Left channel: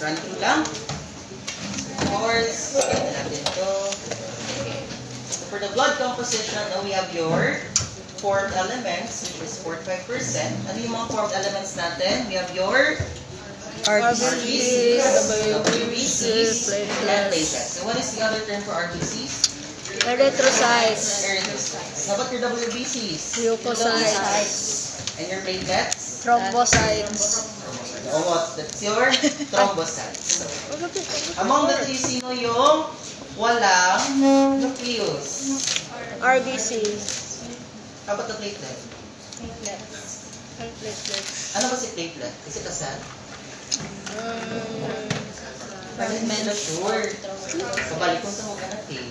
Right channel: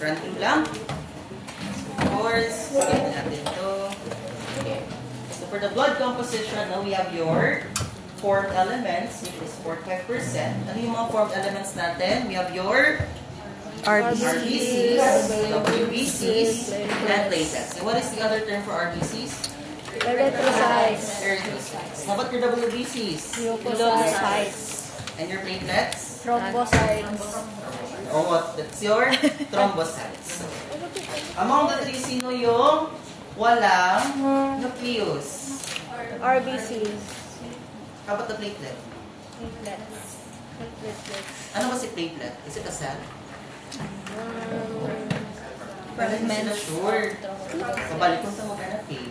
Run through lang. Of course, get lang dito. Okay. So for the blood composition, now we have your formed elements, which is 45%. Ano yung mga formed elements natin? We have your RBCs, WBCs, and platelets. And what is the other term for RBCs? Erythrocytes. Erythrocytes. How about your WBCs? Leukocytes. And your platelets? Thrombocytes. Oh, that's your thrombocytes. Among the three, sino yung walang nucleus? RBCs. How about the platelet? Platelets. Ano ba si platelet? Is it a cell? Fragments. Sure. Pabalik kong tawag na eh.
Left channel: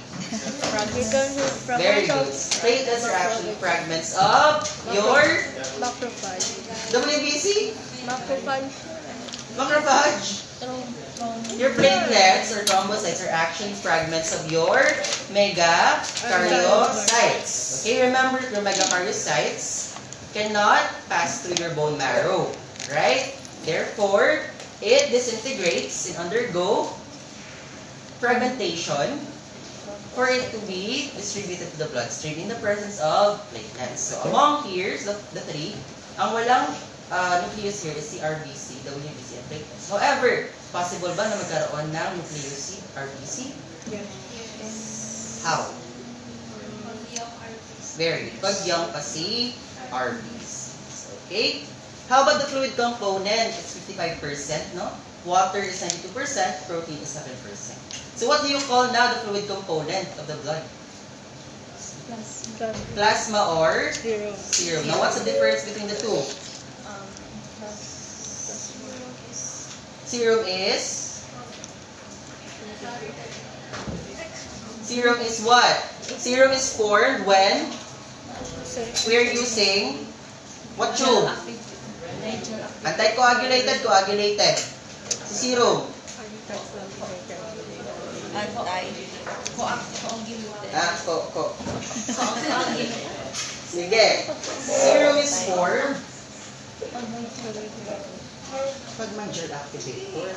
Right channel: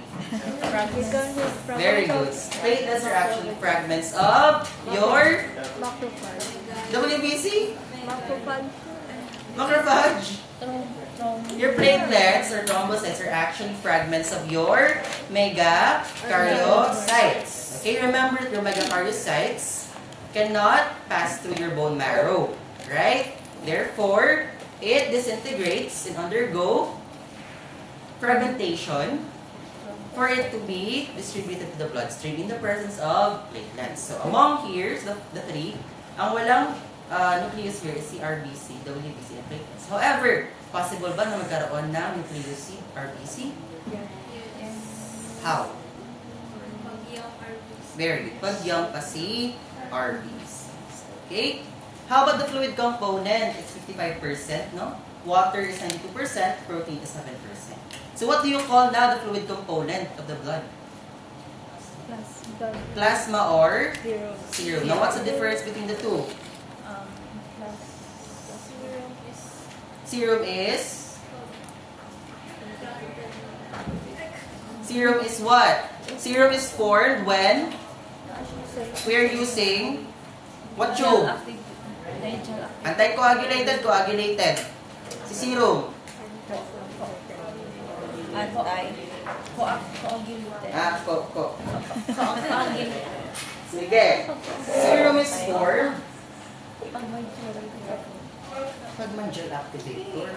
Very good. Platelets are actually fragments of your Macrophage. WBC? Macrophage. Macrophage. Your platelets or thrombocytes are actually fragments of your megakaryocytes. Okay, remember your megakaryocytes cannot pass through your bone marrow, right? Therefore, it disintegrates and undergo fragmentation for it to be distributed to the bloodstream in the presence of platelets. So among here, the three, ang walang nucleus here is si RBC, WBC, and platelets. However, possible ba na magkaroon ng nucleus si RBC? Yes. How? Very good. Pagyang kasi RBC. Okay? How about the fluid component? It's 55%, no? Water is 92%, protein is 7%. So what do you call now the fluid component of the blood? Plasma or serum. Now what's the difference between the two? Serum is what? Serum is formed when we're using what tube? Anticoagulated, coagulated. Si serum. Sige. Serum is formed pag may gel activator.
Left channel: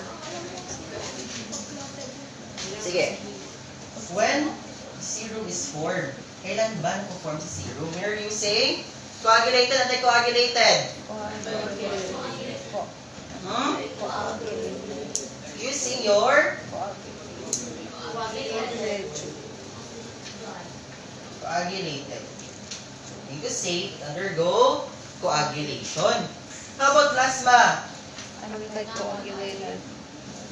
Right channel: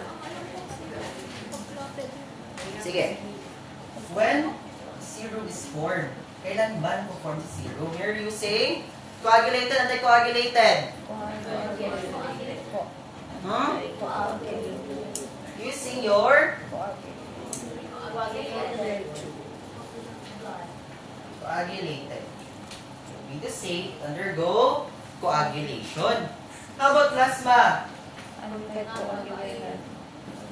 Sige. When serum is formed, kailan ba nag-form si serum? We're using coagulated, anticoagulated. Using your coagulated. Mean to say, undergo coagulation. How about plasma? Anticoagulated.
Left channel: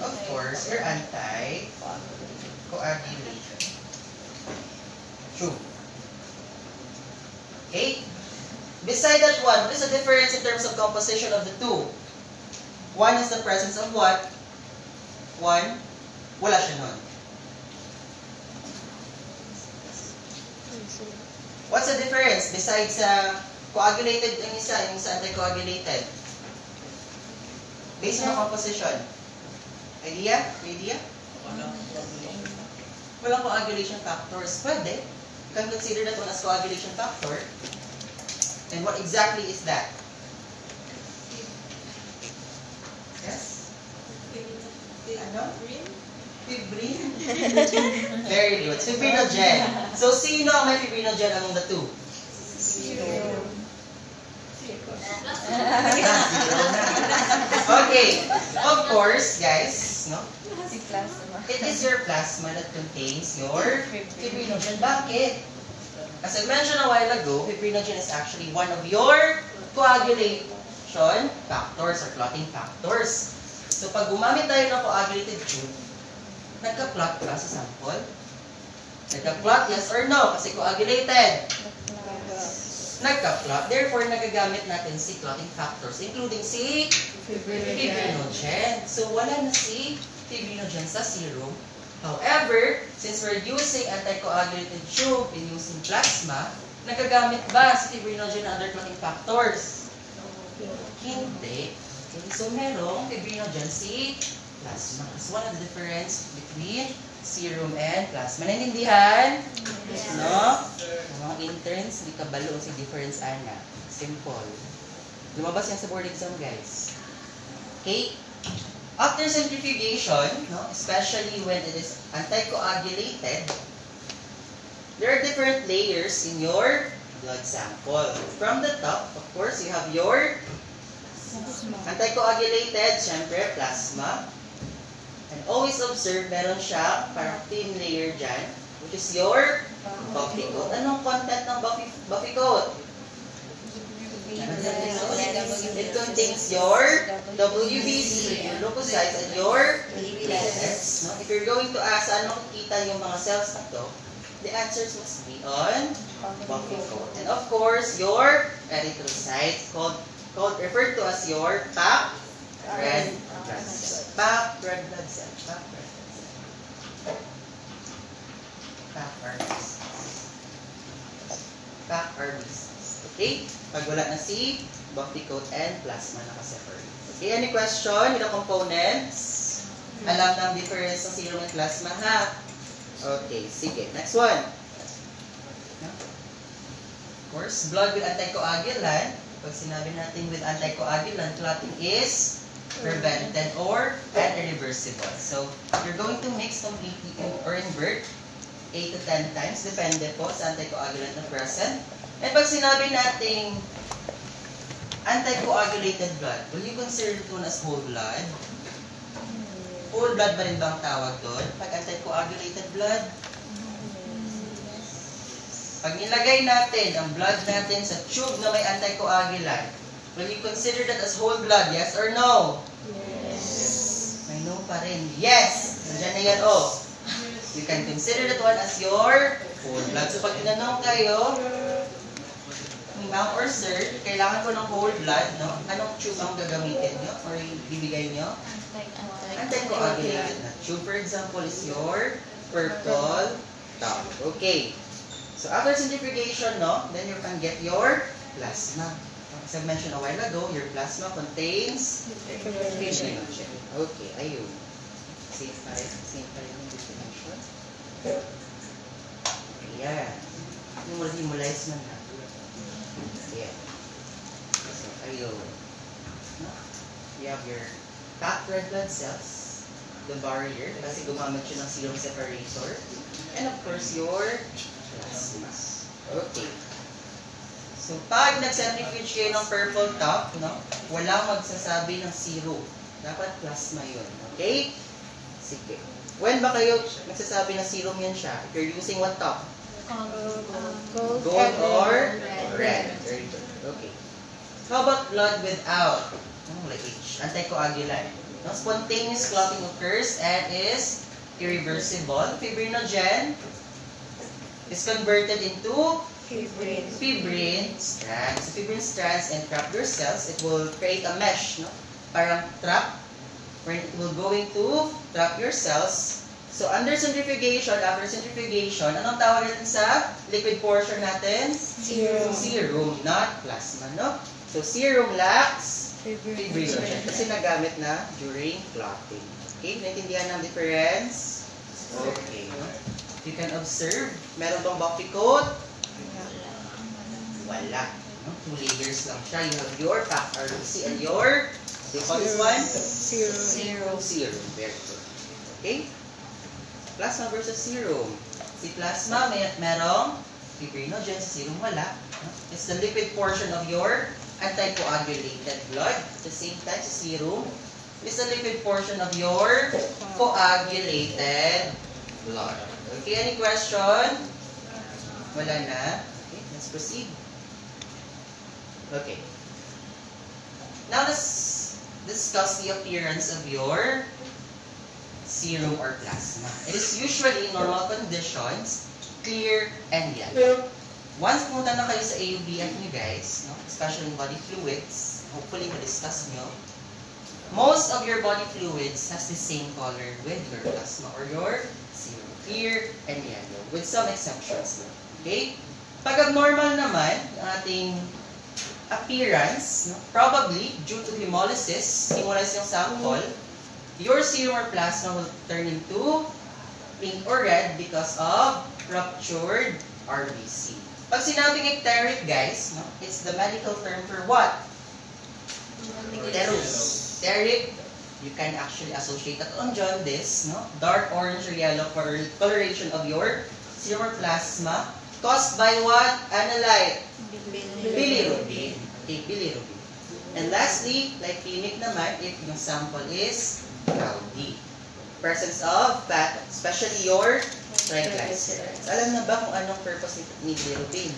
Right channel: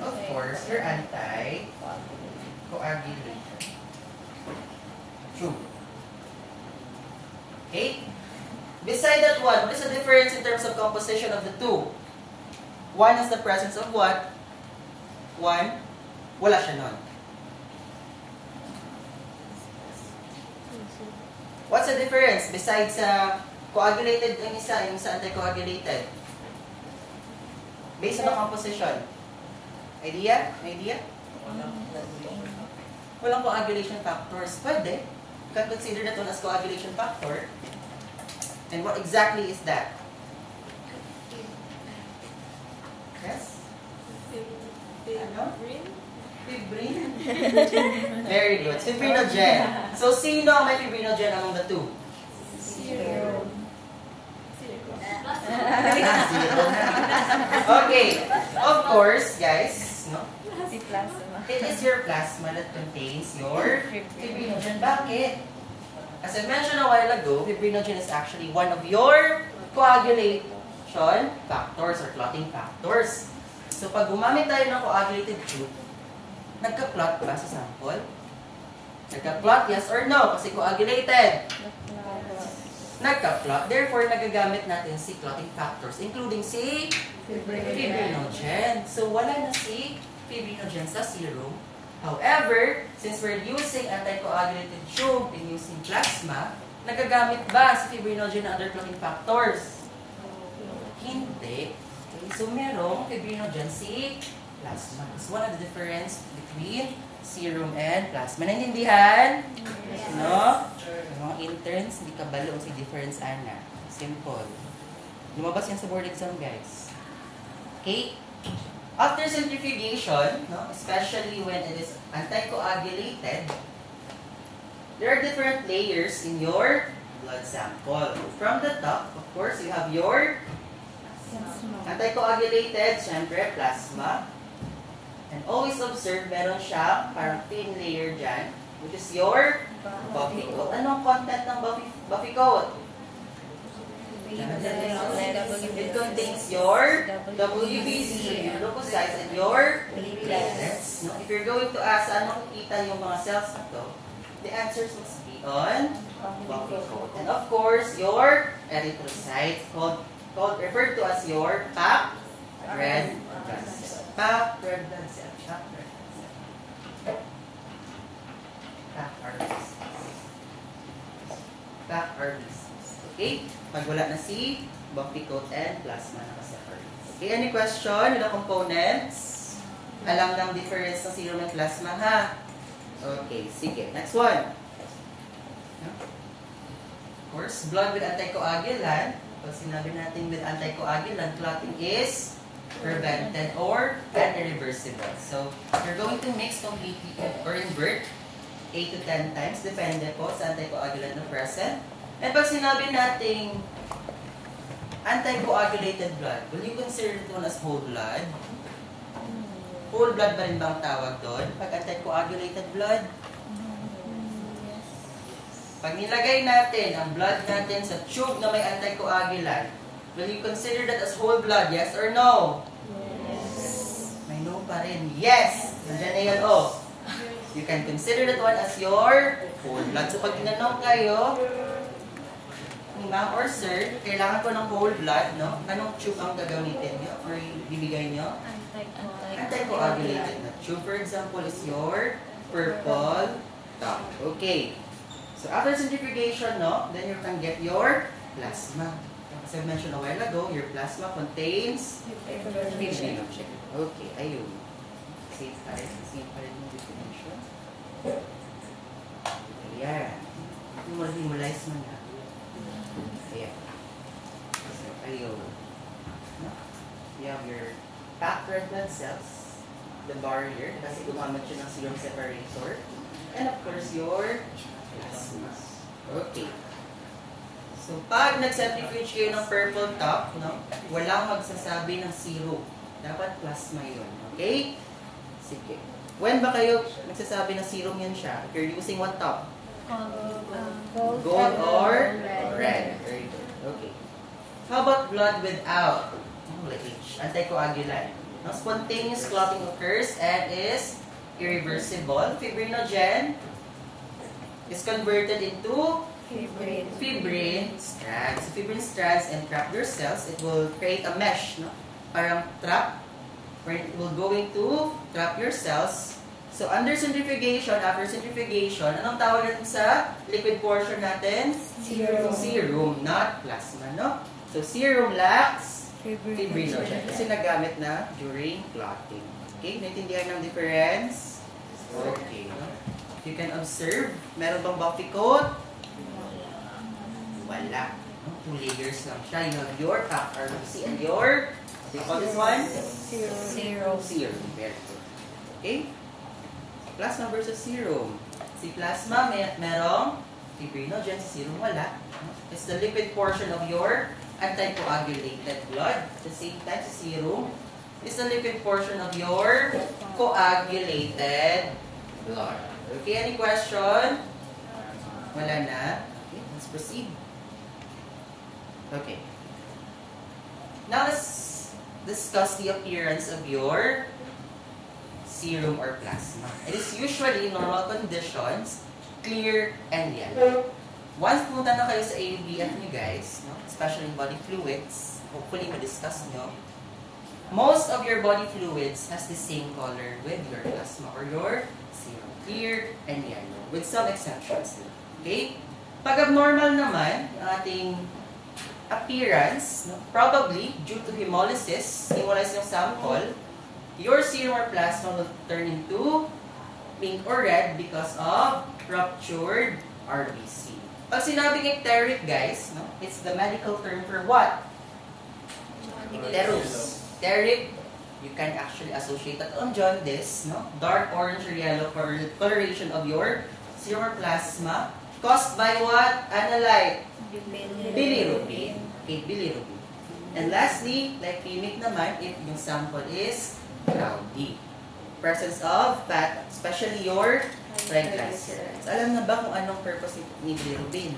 Of course, you're anti-coagulation. True. Okay? Beside that one, what is the difference in terms of composition of the two? One is the presence of what? One, wala siya nun. What's the difference besides coagulated yung isa anticoagulated? Based on the composition. Idea? May idea? Walang coagulation factors. Pwede. You can consider that one as coagulation factor. And what exactly is that? Yes? Ano? Fibrin? Very good. Fibrinogen. So, sino ang may fibrinogen among the two? Zero. Okay. Of course, guys, no? It is your plasma that contains your fibrinogen. Bakit? As I mentioned a while ago, fibrinogen is actually one of your coagulation factors or clotting factors. So, pag gumamit tayo ng coagulated tube, nagka-clot ba sa sample? Nagka-clot, yes or no? Kasi coagulated. Nagka-clot. Therefore, nagagamit natin si clotting factors, including si fibrinogen. So, wala na si fibrinogen sa serum. However, since we're using anticoagulated tube and using plasma, nagagamit ba si fibrinogen and other clotting factors? Hindi. So, merong fibrinogen si plasma. It's one of the difference between serum and plasma. Naintindihan? Yes. No? Yung mga interns, hindi ka balo si difference ana. Simple. Lumabas yan sa board exam, guys. Okay? After centrifugation, no, especially when it is anticoagulated, there are different layers in your blood sample. From the top, of course, you have your anticoagulated, syempre, plasma. And always observe, meron siya parang thin layer dyan, which is your buffy coat. Anong content ng buffy coat? It contains your WBC, your leukocytes, and your platelets. No? If you're going to ask, anong kita yung mga cells na to, the answers must be on buffy coat. And of course, your erythrocytes, referred to as your packed red blood cell. Packed red blood cell. Packed RBCs. Packed RBCs. Okay? Pag wala na si buffy coat and plasma nakasafar. Okay, any question with the components? Alam na ang difference ng serum and plasma, ha? Okay, sige. Next one. Of course, blood with anticoagulant. Pag sinabi natin with anticoagulant, clotting is prevented or irreversible. So, you're going to mix completely or invert 8 to 10 times, depende po sa anticoagulant na present. And pag sinabi nating anticoagulated blood, will you consider it as whole blood? Whole blood ba rin ba ang tawag doon? Pag anticoagulated blood? Pag nilagay natin ang blood natin sa tube na may anticoagulant, will you consider that as whole blood? Yes or no? Yes. May no pa rin. Yes! Nandiyan na yan, oh. You can consider that one as your whole blood. So pag tinanong kayo, ma'am or sir, kailangan ko ng whole blood, no? Anong tube ang gagamitin nyo or bibigay nyo? Anticoagulated na tube. For example, is your purple top. Okay. So after centrifugation, no, then you can get your plasma. As I mentioned a while ago, your plasma contains fibrinogen. Okay, ayun. Same pa rin yung definition. Ayan. Hemolize mo na. Ayan. So, ayun. We have your packed red blood cells, the barrier, kasi gumamit siya ng serum separator, and of course, your plasma. Okay. So, pag nag-centrifuge kayo ng purple top, no, walang magsasabi ng serum. Dapat plasma yun. Okay? Sige. When ba kayo magsasabi na serum yun siya? If you're using what top? Gold or red. Very good. Okay. How about blood without anticoagulant? No, spontaneous clotting occurs and is irreversible. Fibrinogen is converted into fibrin strands. So, fibrin strands entrap your cells. It will create a mesh, no? Parang trap, where it will go into trap your cells. So, under centrifugation, after centrifugation, anong tawag natin sa liquid portion natin? Serum. Serum, not plasma, no? So, serum lacks fibrinogen. Kasi nagamit na during clotting. Okay, naintindihan ng difference? Okay. If you can observe, meron bang buffy coat? Wala. 2 layers lang siya. You have your packed RBC and your, what do you call this one? Serum. Serum. Very good. Okay? Plasma versus serum. Si plasma, merong fibrinogen. Si serum, wala. It's the liquid portion of your anticoagulated blood. At the same time, si serum is the liquid portion of your coagulated blood. Okay, any question? Wala na? Okay, let's proceed. Okay. Now let's discuss the appearance of your serum or plasma. It is usually in normal conditions, clear and yellow. Once pumunta na kayo sa AUBF nyo guys, no, especially in body fluids, hopefully ma-discuss nyo, most of your body fluids has the same color with your plasma or your serum. Clear and yellow, with some exceptions. Okay? Pag abnormal naman, ang ating appearance, no, probably due to hemolysis, hemolyze yung sample, your serum or plasma will turn into pink or red because of ruptured RBC. Pag sinabing icteric, guys, no, it's the medical term for what? Icterus. Icteric you can actually associate that on jaundice, no? Dark orange or yellow coloration of your serum or plasma caused by what? Analyte? Bilirubin. Okay, bilirubin. And lastly, lipemic naman if yung sample is cloudy. Presence of fat, especially your triglycerides. Alam na ba kung anong purpose ni bilirubin?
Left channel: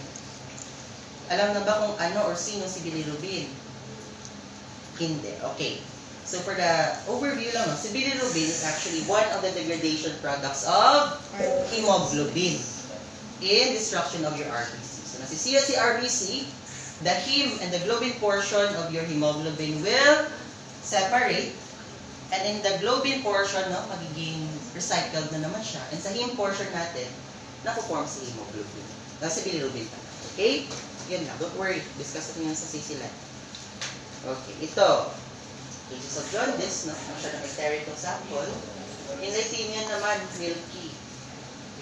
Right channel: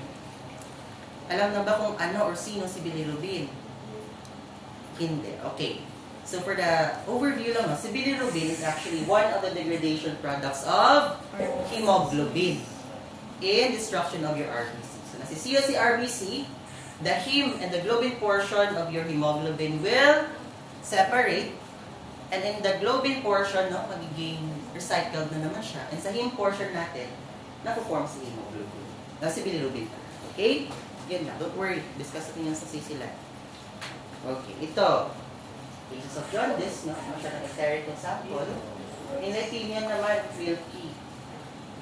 Alam na ba kung ano or sino si bilirubin? Hindi. Okay. So for the overview lang, si bilirubin is actually one of the degradation products of hemoglobin in destruction of your RBC. So nasisira si RBC, the heme and the globin portion of your hemoglobin will separate. And in the globin portion, no, magiging recycled na naman siya. And sa heme portion natin, nakuform si hemoglobin. Si bilirubin. Okay? Yun lang. Don't worry. Discuss natin yan sa sisilan. Okay. Ito. Cases of jaundice, no? Kung siya nag-hysterical sample. In leukemia naman, milky.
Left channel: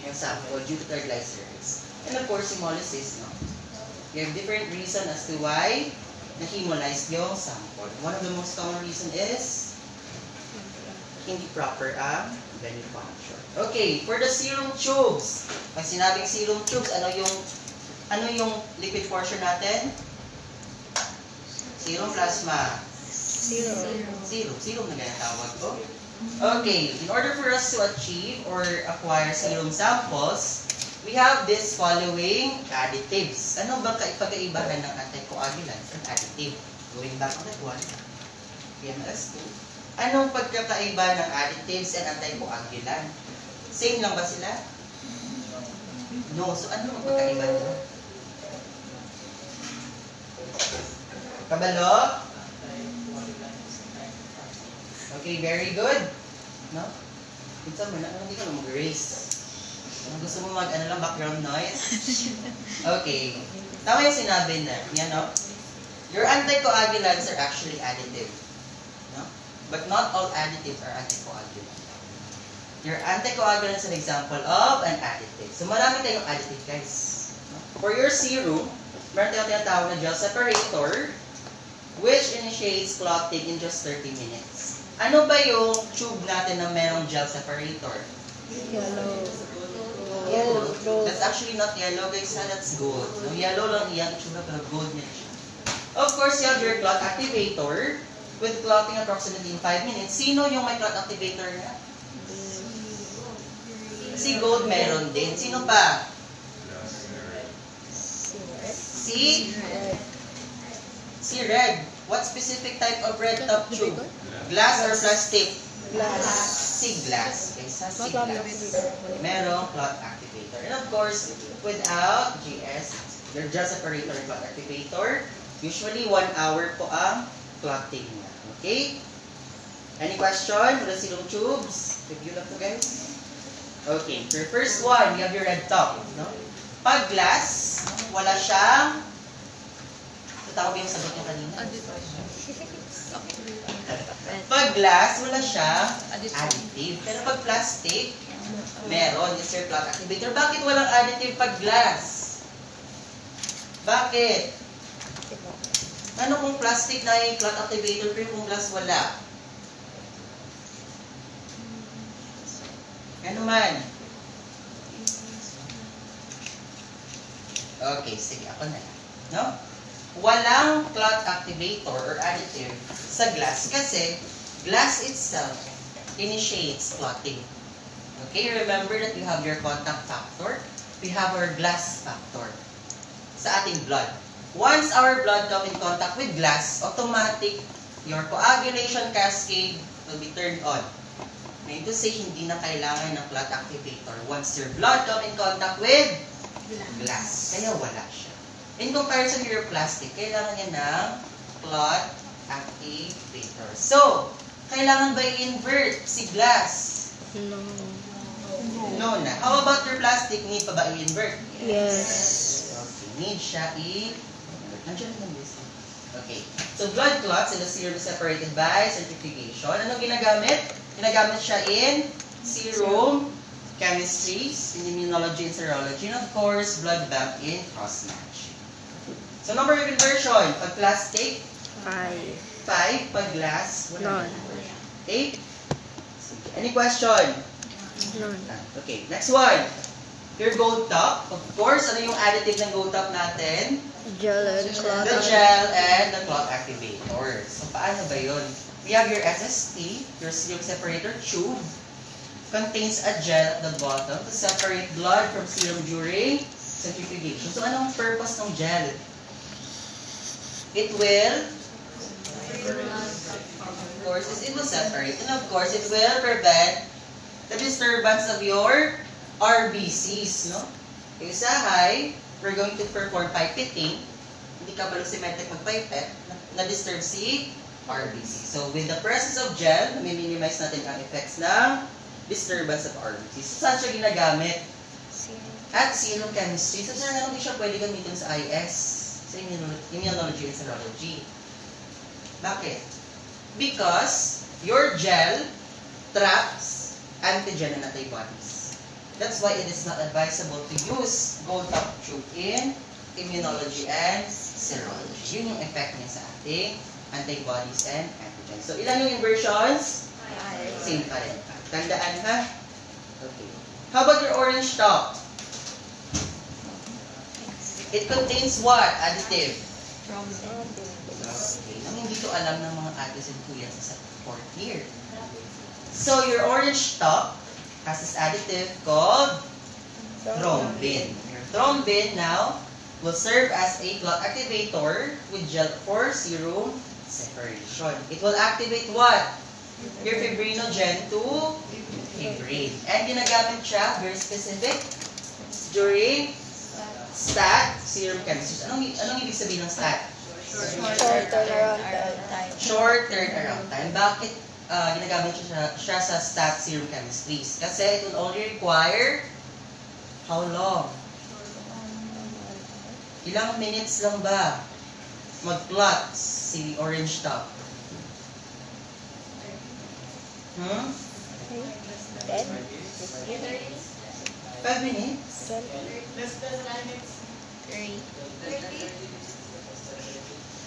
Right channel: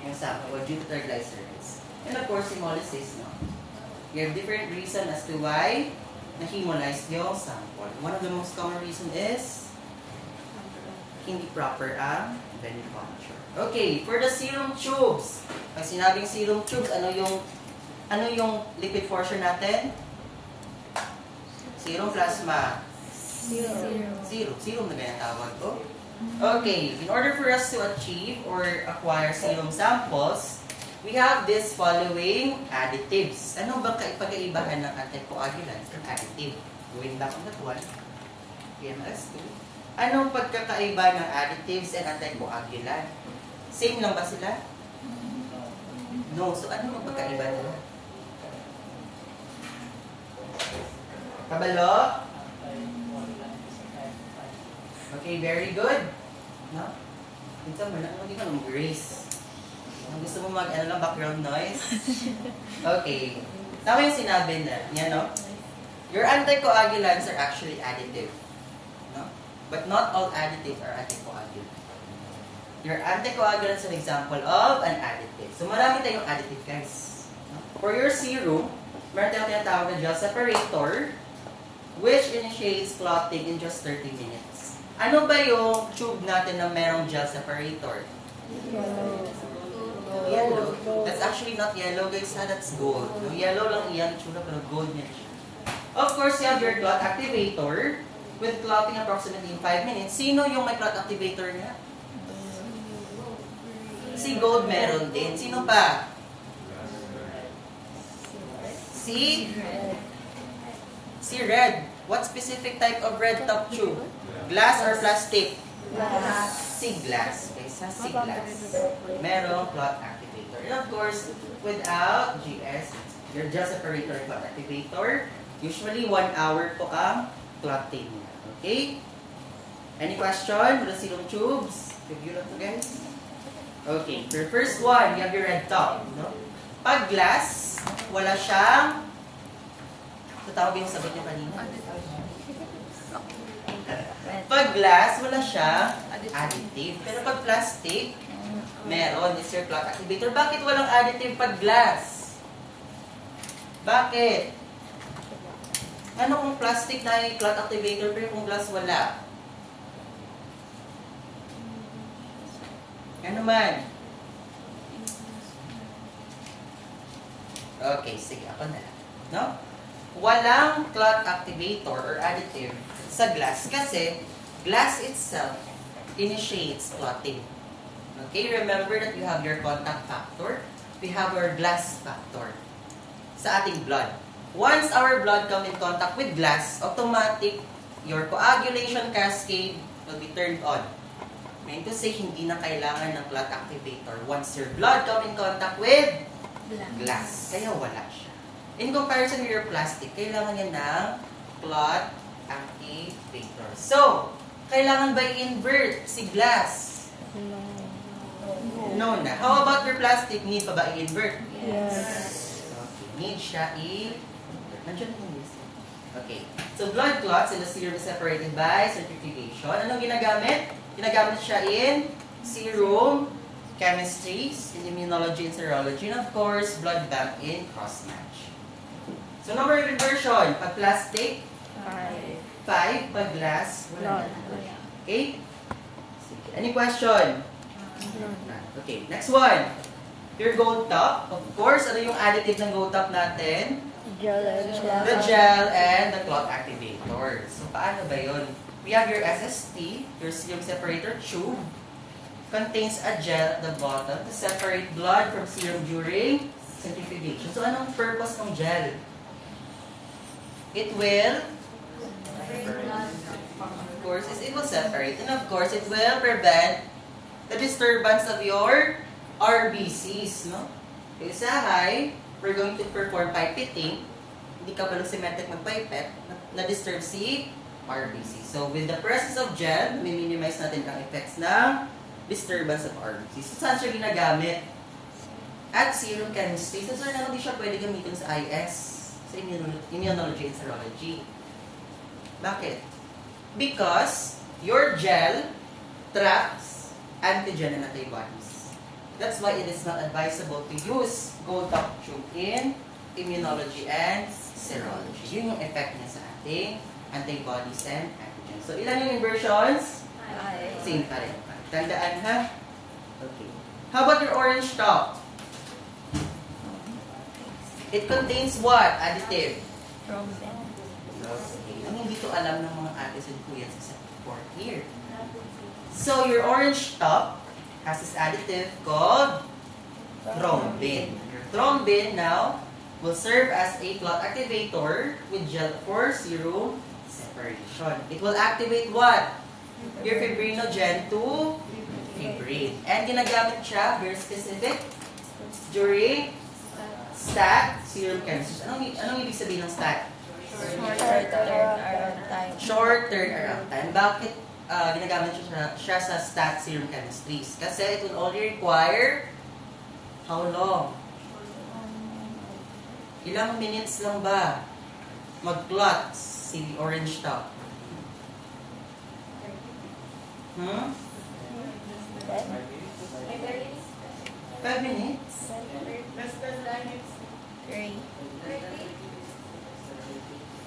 Yung sample due to triglycerides. And of course, hemolysis, no? You have different reason as to why na-hemolyzed yung sample. One of the most common reason is hindi proper ang venipuncture. Okay, for the serum tubes. Pag sinabing serum tubes, ano yung lipid portion natin? Serum plasma. Serum na ganyan tawag ko. Okay, in order for us to achieve or acquire serum samples, we have this following additives. Ano ba pag-iibahan ng anticoagulants and additive? Going back on that one. EMS2. Anong pagkakaiba ng additives and anticoagulant? Same lang ba sila? No. So, ano ang pagkaiba nila? Kabalo? Okay, very good. No? Pinsan mo na, hindi ka na mag-race. Gusto mo background noise? Okay. Tama yung sinabi na, yan, no? Your anticoagulants are actually additive. No? But not all additives are anticoagulants. Your anticoagulant is an example of an additive. So marami tayong additive, guys. For your serum, meron tayong tinatawag na gel separator, which initiates clotting in just 30 minutes. Ano ba yung tube natin na merong gel separator? Yellow. That's actually not yellow, guys. That's gold. So, yellow lang yan, pero gold na siya. Of course, you have your clot activator, with clotting approximately in 5 minutes. Sino yung may clot activator niya? Si gold meron din. Sino pa? Si red. What specific type of red top tube? Glass or plastic? Glass. Si glass. Okay, sa si glass. Merong clot activator. And of course, without GS, your gel separator clot activator, usually 1 hour po ang clotting niya. Okay? Any question with the serum tubes? Review lang po, guys. Okay. For your first one, you have your red top. No? Pag glass, wala siyang... Tatawa ba yung sagot niyo kanina? Pag glass, wala siyang additive. Pero pag plastic, meron. It's your clot activator. Bakit walang additive pag glass? Bakit? Ano kung plastic na yung clot activator pero kung glass wala? Ano man? Okay, sige, ako na. No? Walang clot activator or additive sa glass kasi glass itself initiates clotting. Okay, remember that you have your contact factor, we have our glass factor sa ating blood. Once our blood come in contact with glass, automatic your coagulation cascade will be turned on. Meaning to say, hindi na kailangan ng clot activator once your blood come in contact with glass. Kaya wala siya. In comparison to your plastic, kailangan niya ng clot activator. So, kailangan ba i-invert si glass? No na. How about your plastic? Need pa ba i-invert? Yes. Okay. Need siya i-invert. Nandiyan naman this. Okay. So, blood clots in the serum is separated by centrifugation. Anong ginagamit? Ginagamit siya in serum chemistry, in immunology and serology, and of course, blood bank in cross-match. So, number of inversion. Pag plastic, 5. 5. Pag glass, 1. Okay? Sige. Any question? Okay, next one. Your gold top. Of course, ano yung additive ng gold top natin? Gel and cloth. The gel and the cloth activator. So, paano ba yun? We have your SST, your serum separator tube. Contains a gel at the bottom to separate blood from serum during centrifugation. So, anong purpose ng gel? It will, of course, it will separate. And of course, it will prevent the disturbance of your RBCs, no? Yung usahay, we're going to perform pipetting. Hindi ka pala symmetric mag-pipette, na-disturb si RBC. So, with the presence of gel, minimize natin ang effects ng disturbance of RBC. So, saan siya ginagamit? At serum chemistry. So, sir, hindi siya pwede gamitin sa IS, sa immunology and serology. Bakit? Because your gel traps antigen and antibodies. That's why it is not advisable to use gold top tube in immunology and serology. Yun yung effect niya sa ating antibodies and antigens. So, ilan yung inversions? Same pa rin. Tandaan ha? Okay. How about your orange top? It contains what? Additive? Okay. Ang hindi ko alam ng mga atis and kuya sa 4th year. So, your orange top has this additive called thrombin. Your thrombin now will serve as a clot activator with gel for serum separation. It will activate what? Your fibrinogen to fibrate. And ginagamit siya, very specific, during STAT serum chemistry. Anong ibig sabihin ng STAT? Short turnaround time. Short turnaround time. Bakit ginagamit siya sa STAT serum chemistries? Kasi it will only require how long? Ilang minutes lang ba mag-clot si orange top? 5 minutes?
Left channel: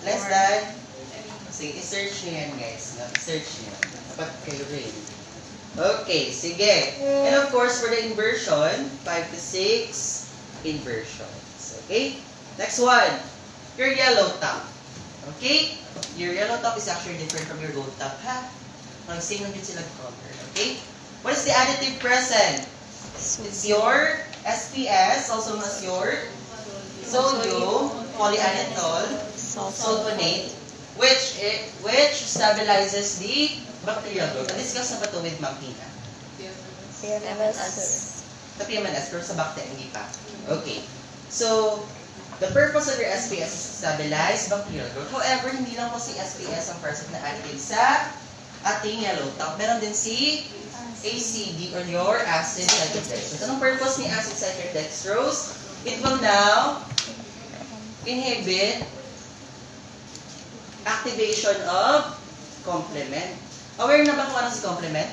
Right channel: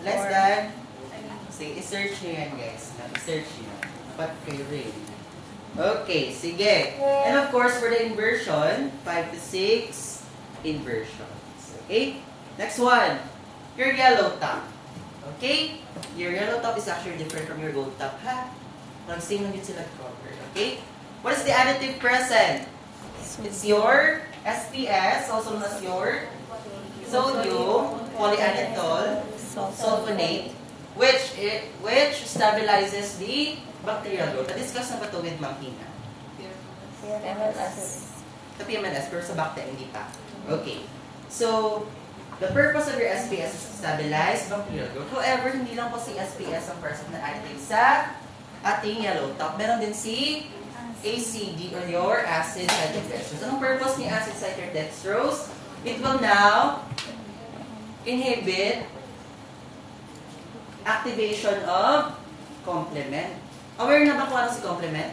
Less than? Sige, i-search nyo yan guys. I-search nyo. Dapat kayo rin. Okay, sige. And of course, for the inversion, 5 to 6 inversions. Okay? Next one. Your yellow top. Okay? Your yellow top is actually different from your gold top, ha? Same lang yun sila cover. Okay? What is the additive present? It's your SPS, also known as your sodium polyanethol sulfonate, which stabilizes the bacterial growth. Na-discuss na ba ito with Ma'am Tina? Sa PMNS, pero sa bacteria, hindi pa. Okay. So, the purpose of your SPS is to stabilize bacterial growth. However, hindi lang po si SPS ang present na additive sa ating yellow top. Meron din si ACD or your acid citric dextrose. Anong purpose ni acid citric dextrose? It will now inhibit activation of complement. Aware na ba kung ano si complement?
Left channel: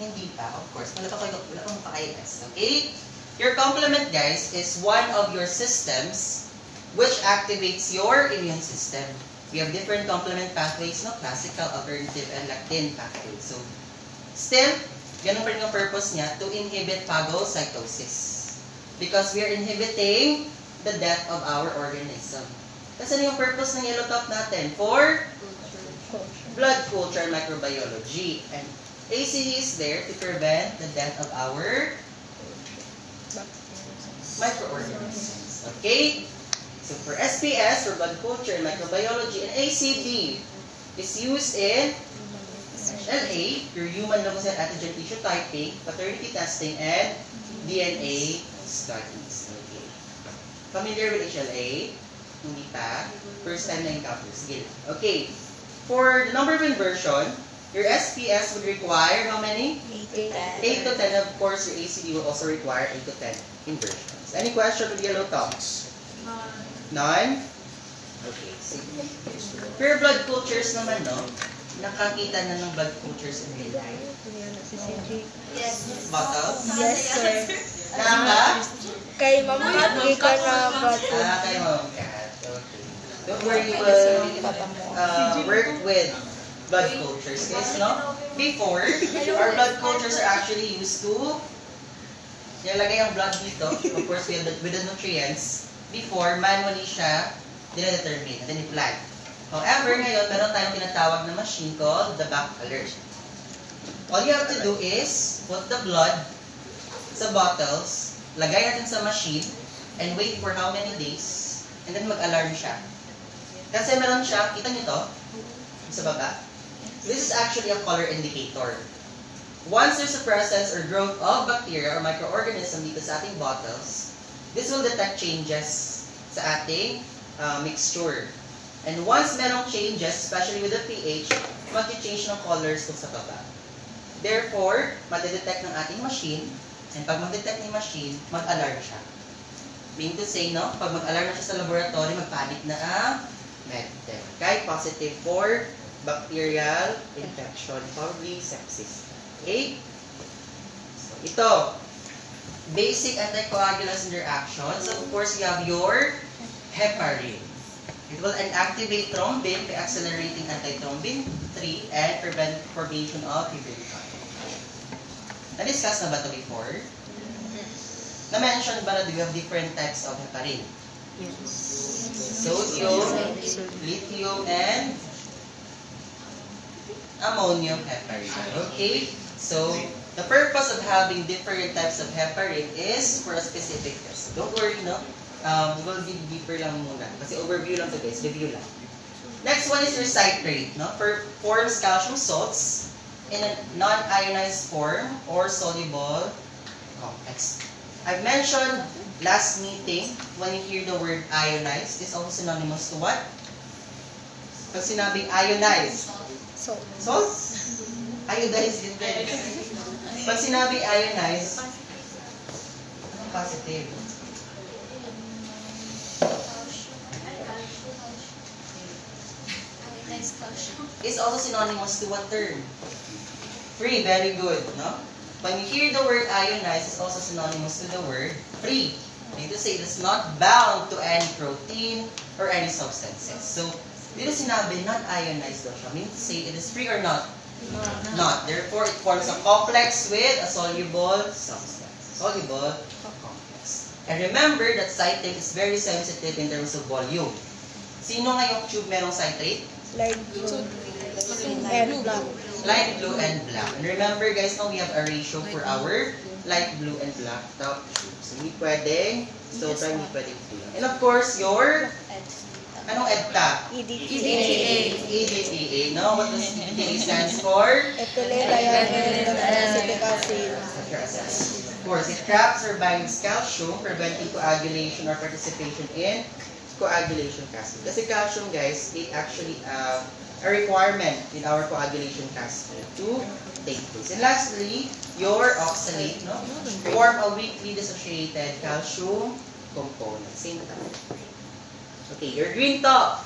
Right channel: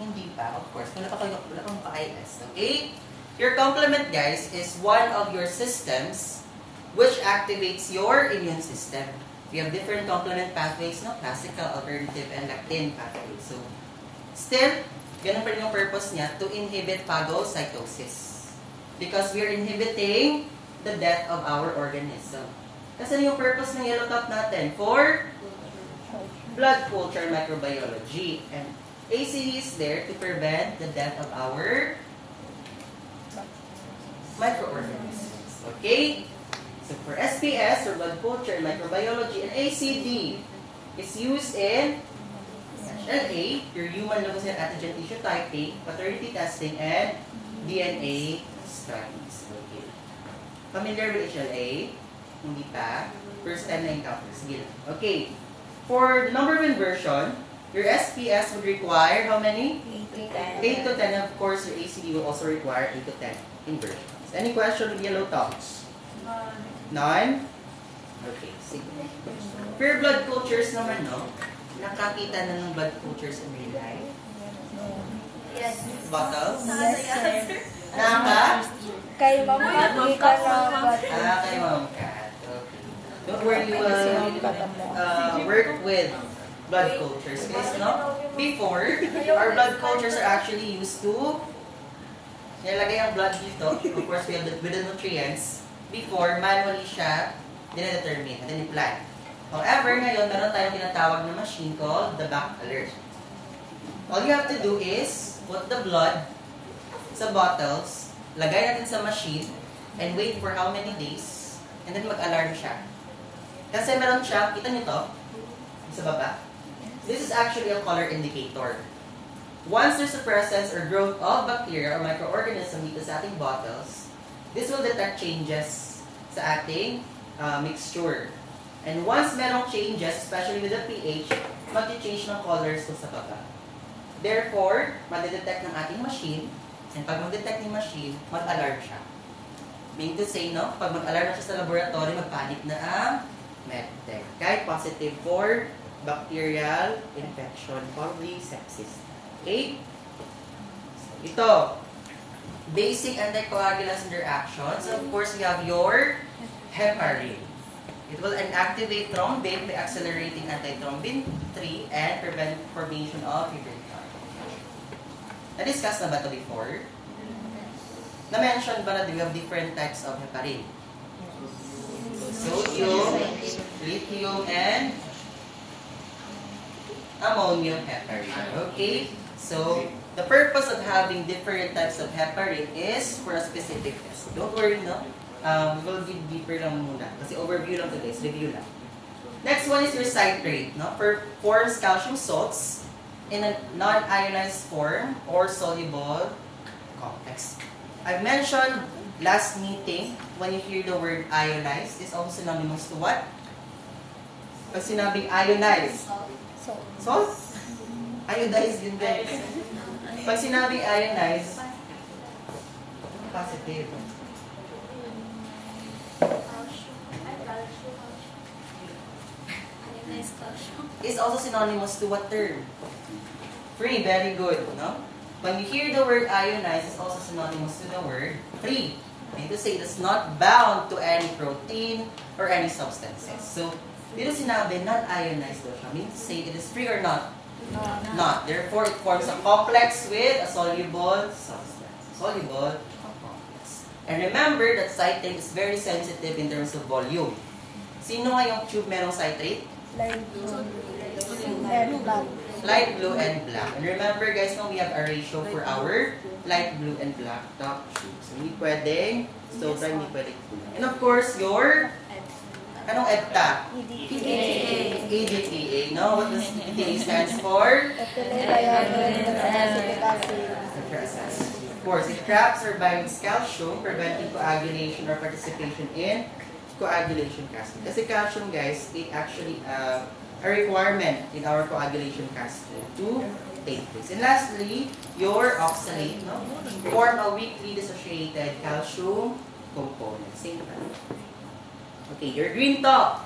Hindi pa, of course. Wala kang pa-IS. Okay? Your complement, guys, is one of your systems which activates your immune system. We have different complement pathways, no? Classical, alternative, and lectin pathways. So, still, ganun pa rin yung purpose niya to inhibit phagocytosis. Because we are inhibiting the death of our organism. Kasi ano yung purpose ng yellow top natin? For blood culture microbiology. And ACD is there to prevent the death of our microorganisms. Okay? So for SPS, for blood culture microbiology, and ACD is used in HLA, your human leukocyte antigen tissue typing, paternity testing, and DNA studies. Okay. Familiar with HLA? Hindi pa. First time na encounter. Sige lang. Okay. For the number of inversion, your SPS would require how many? 8 to 10. Of course, your ACD will also require 8 to 10 inversions. Any question with yellow tops? None? Okay. Sige. For your blood cultures naman, no? Nakakita na ng blood cultures in real life? Yes. Bottles? Yes, sir. Naka? Kay Ma'am Kat, di ka na bati. Kay Ma'am Kat. Okay. Don't worry, you will work with blood cultures, guys, no? Before, our blood cultures are actually used to nilalagay ang blood dito, of course, with the nutrients. Before, manually siya dina-determine, then i-plant. However, ngayon, meron tayong tinatawag na machine called the back alert. All you have to do is put the blood sa bottles, lagay natin sa machine, and wait for how many days, and then mag-alarm siya. Kasi meron siya, kita niyo to, sa baba. This is actually a color indicator. Once there's a presence or growth of bacteria or microorganism dito sa ating bottles, this will detect changes sa ating mixture. And once merong changes, especially with the pH, mag-change ng colors to sa baba. Therefore, madedetect ng ating machine, and pag mag-detect ng machine, mag-alarm siya. Meaning to say, no, pag mag-alarm siya sa laboratory, mag-panic na ang medtech. Okay, positive for bacterial infection, probably sepsis. Okay? So, ito, basic anticoagulants and their actions. So, of course, you have your heparin. It will inactivate thrombin by accelerating antithrombin 3 and prevent formation of fibrinogen. Na-discuss na ba ito before? Na-mention ba na do you have different types of heparin? Sodium, lithium, and ammonium heparin. Okay? So, the purpose of having different types of heparin is for a specific test. Don't worry, no? We'll dig deeper lang muna. Kasi overview lang to guys. Review lang. Next one is your citrate. No? Forms calcium salts in a non-ionized form or soluble complex. I've mentioned last meeting, when you hear the word ionized, is also synonymous to what? Pag sinabing ionized. Salt? Iodized yun guys. Pag sinabing ionized, positive. Is also synonymous to what term? Free, very good, no? When you hear the word ionized, it's also synonymous to the word free. I mean to say it's not bound to any protein or any substances. So, dito sinabi, not ionized daw siya. I mean to say it is free or not? Not. Therefore, it forms a complex with a soluble substance. Soluble complex. And remember that citrate is very sensitive in terms of volume. Sino nga yung tube merong citrate? Light blue and black. Light blue and black. And remember guys, now we have a ratio for our light blue and black top tube. So, hindi pwede. So, hindi pwede. And of course, your anong EDTA? EDTA. No? What does EDTA stands for? Ethylene acetic acid. Of course, it traps or binds calcium, preventing coagulation or participation in coagulation cascade. Kasi calcium, guys, it actually a requirement in our coagulation cascade to take place. And lastly, your oxalate, no? Form a weakly dissociated calcium component. Same time. Okay, your green top.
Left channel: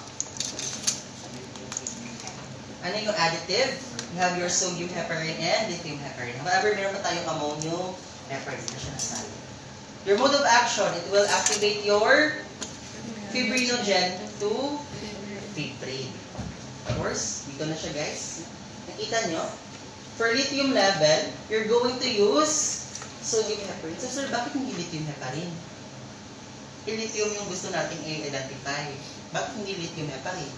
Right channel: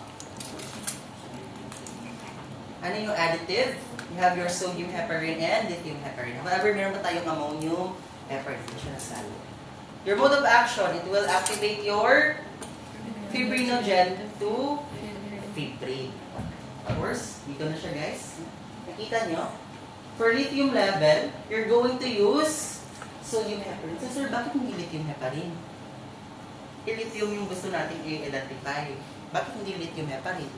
Ano yung additive? You have your sodium heparin and lithium heparin. Whenever meron pa tayong ammonium heparin, na siya nasali. Your mode of action, it will activate your fibrinogen to fibrin. Of course, dito na siya guys. Nakita nyo? For lithium level, you're going to use sodium heparin. So sir, bakit hindi lithium heparin? Lithium yung gusto nating i-identify. Bakit hindi lithium heparin?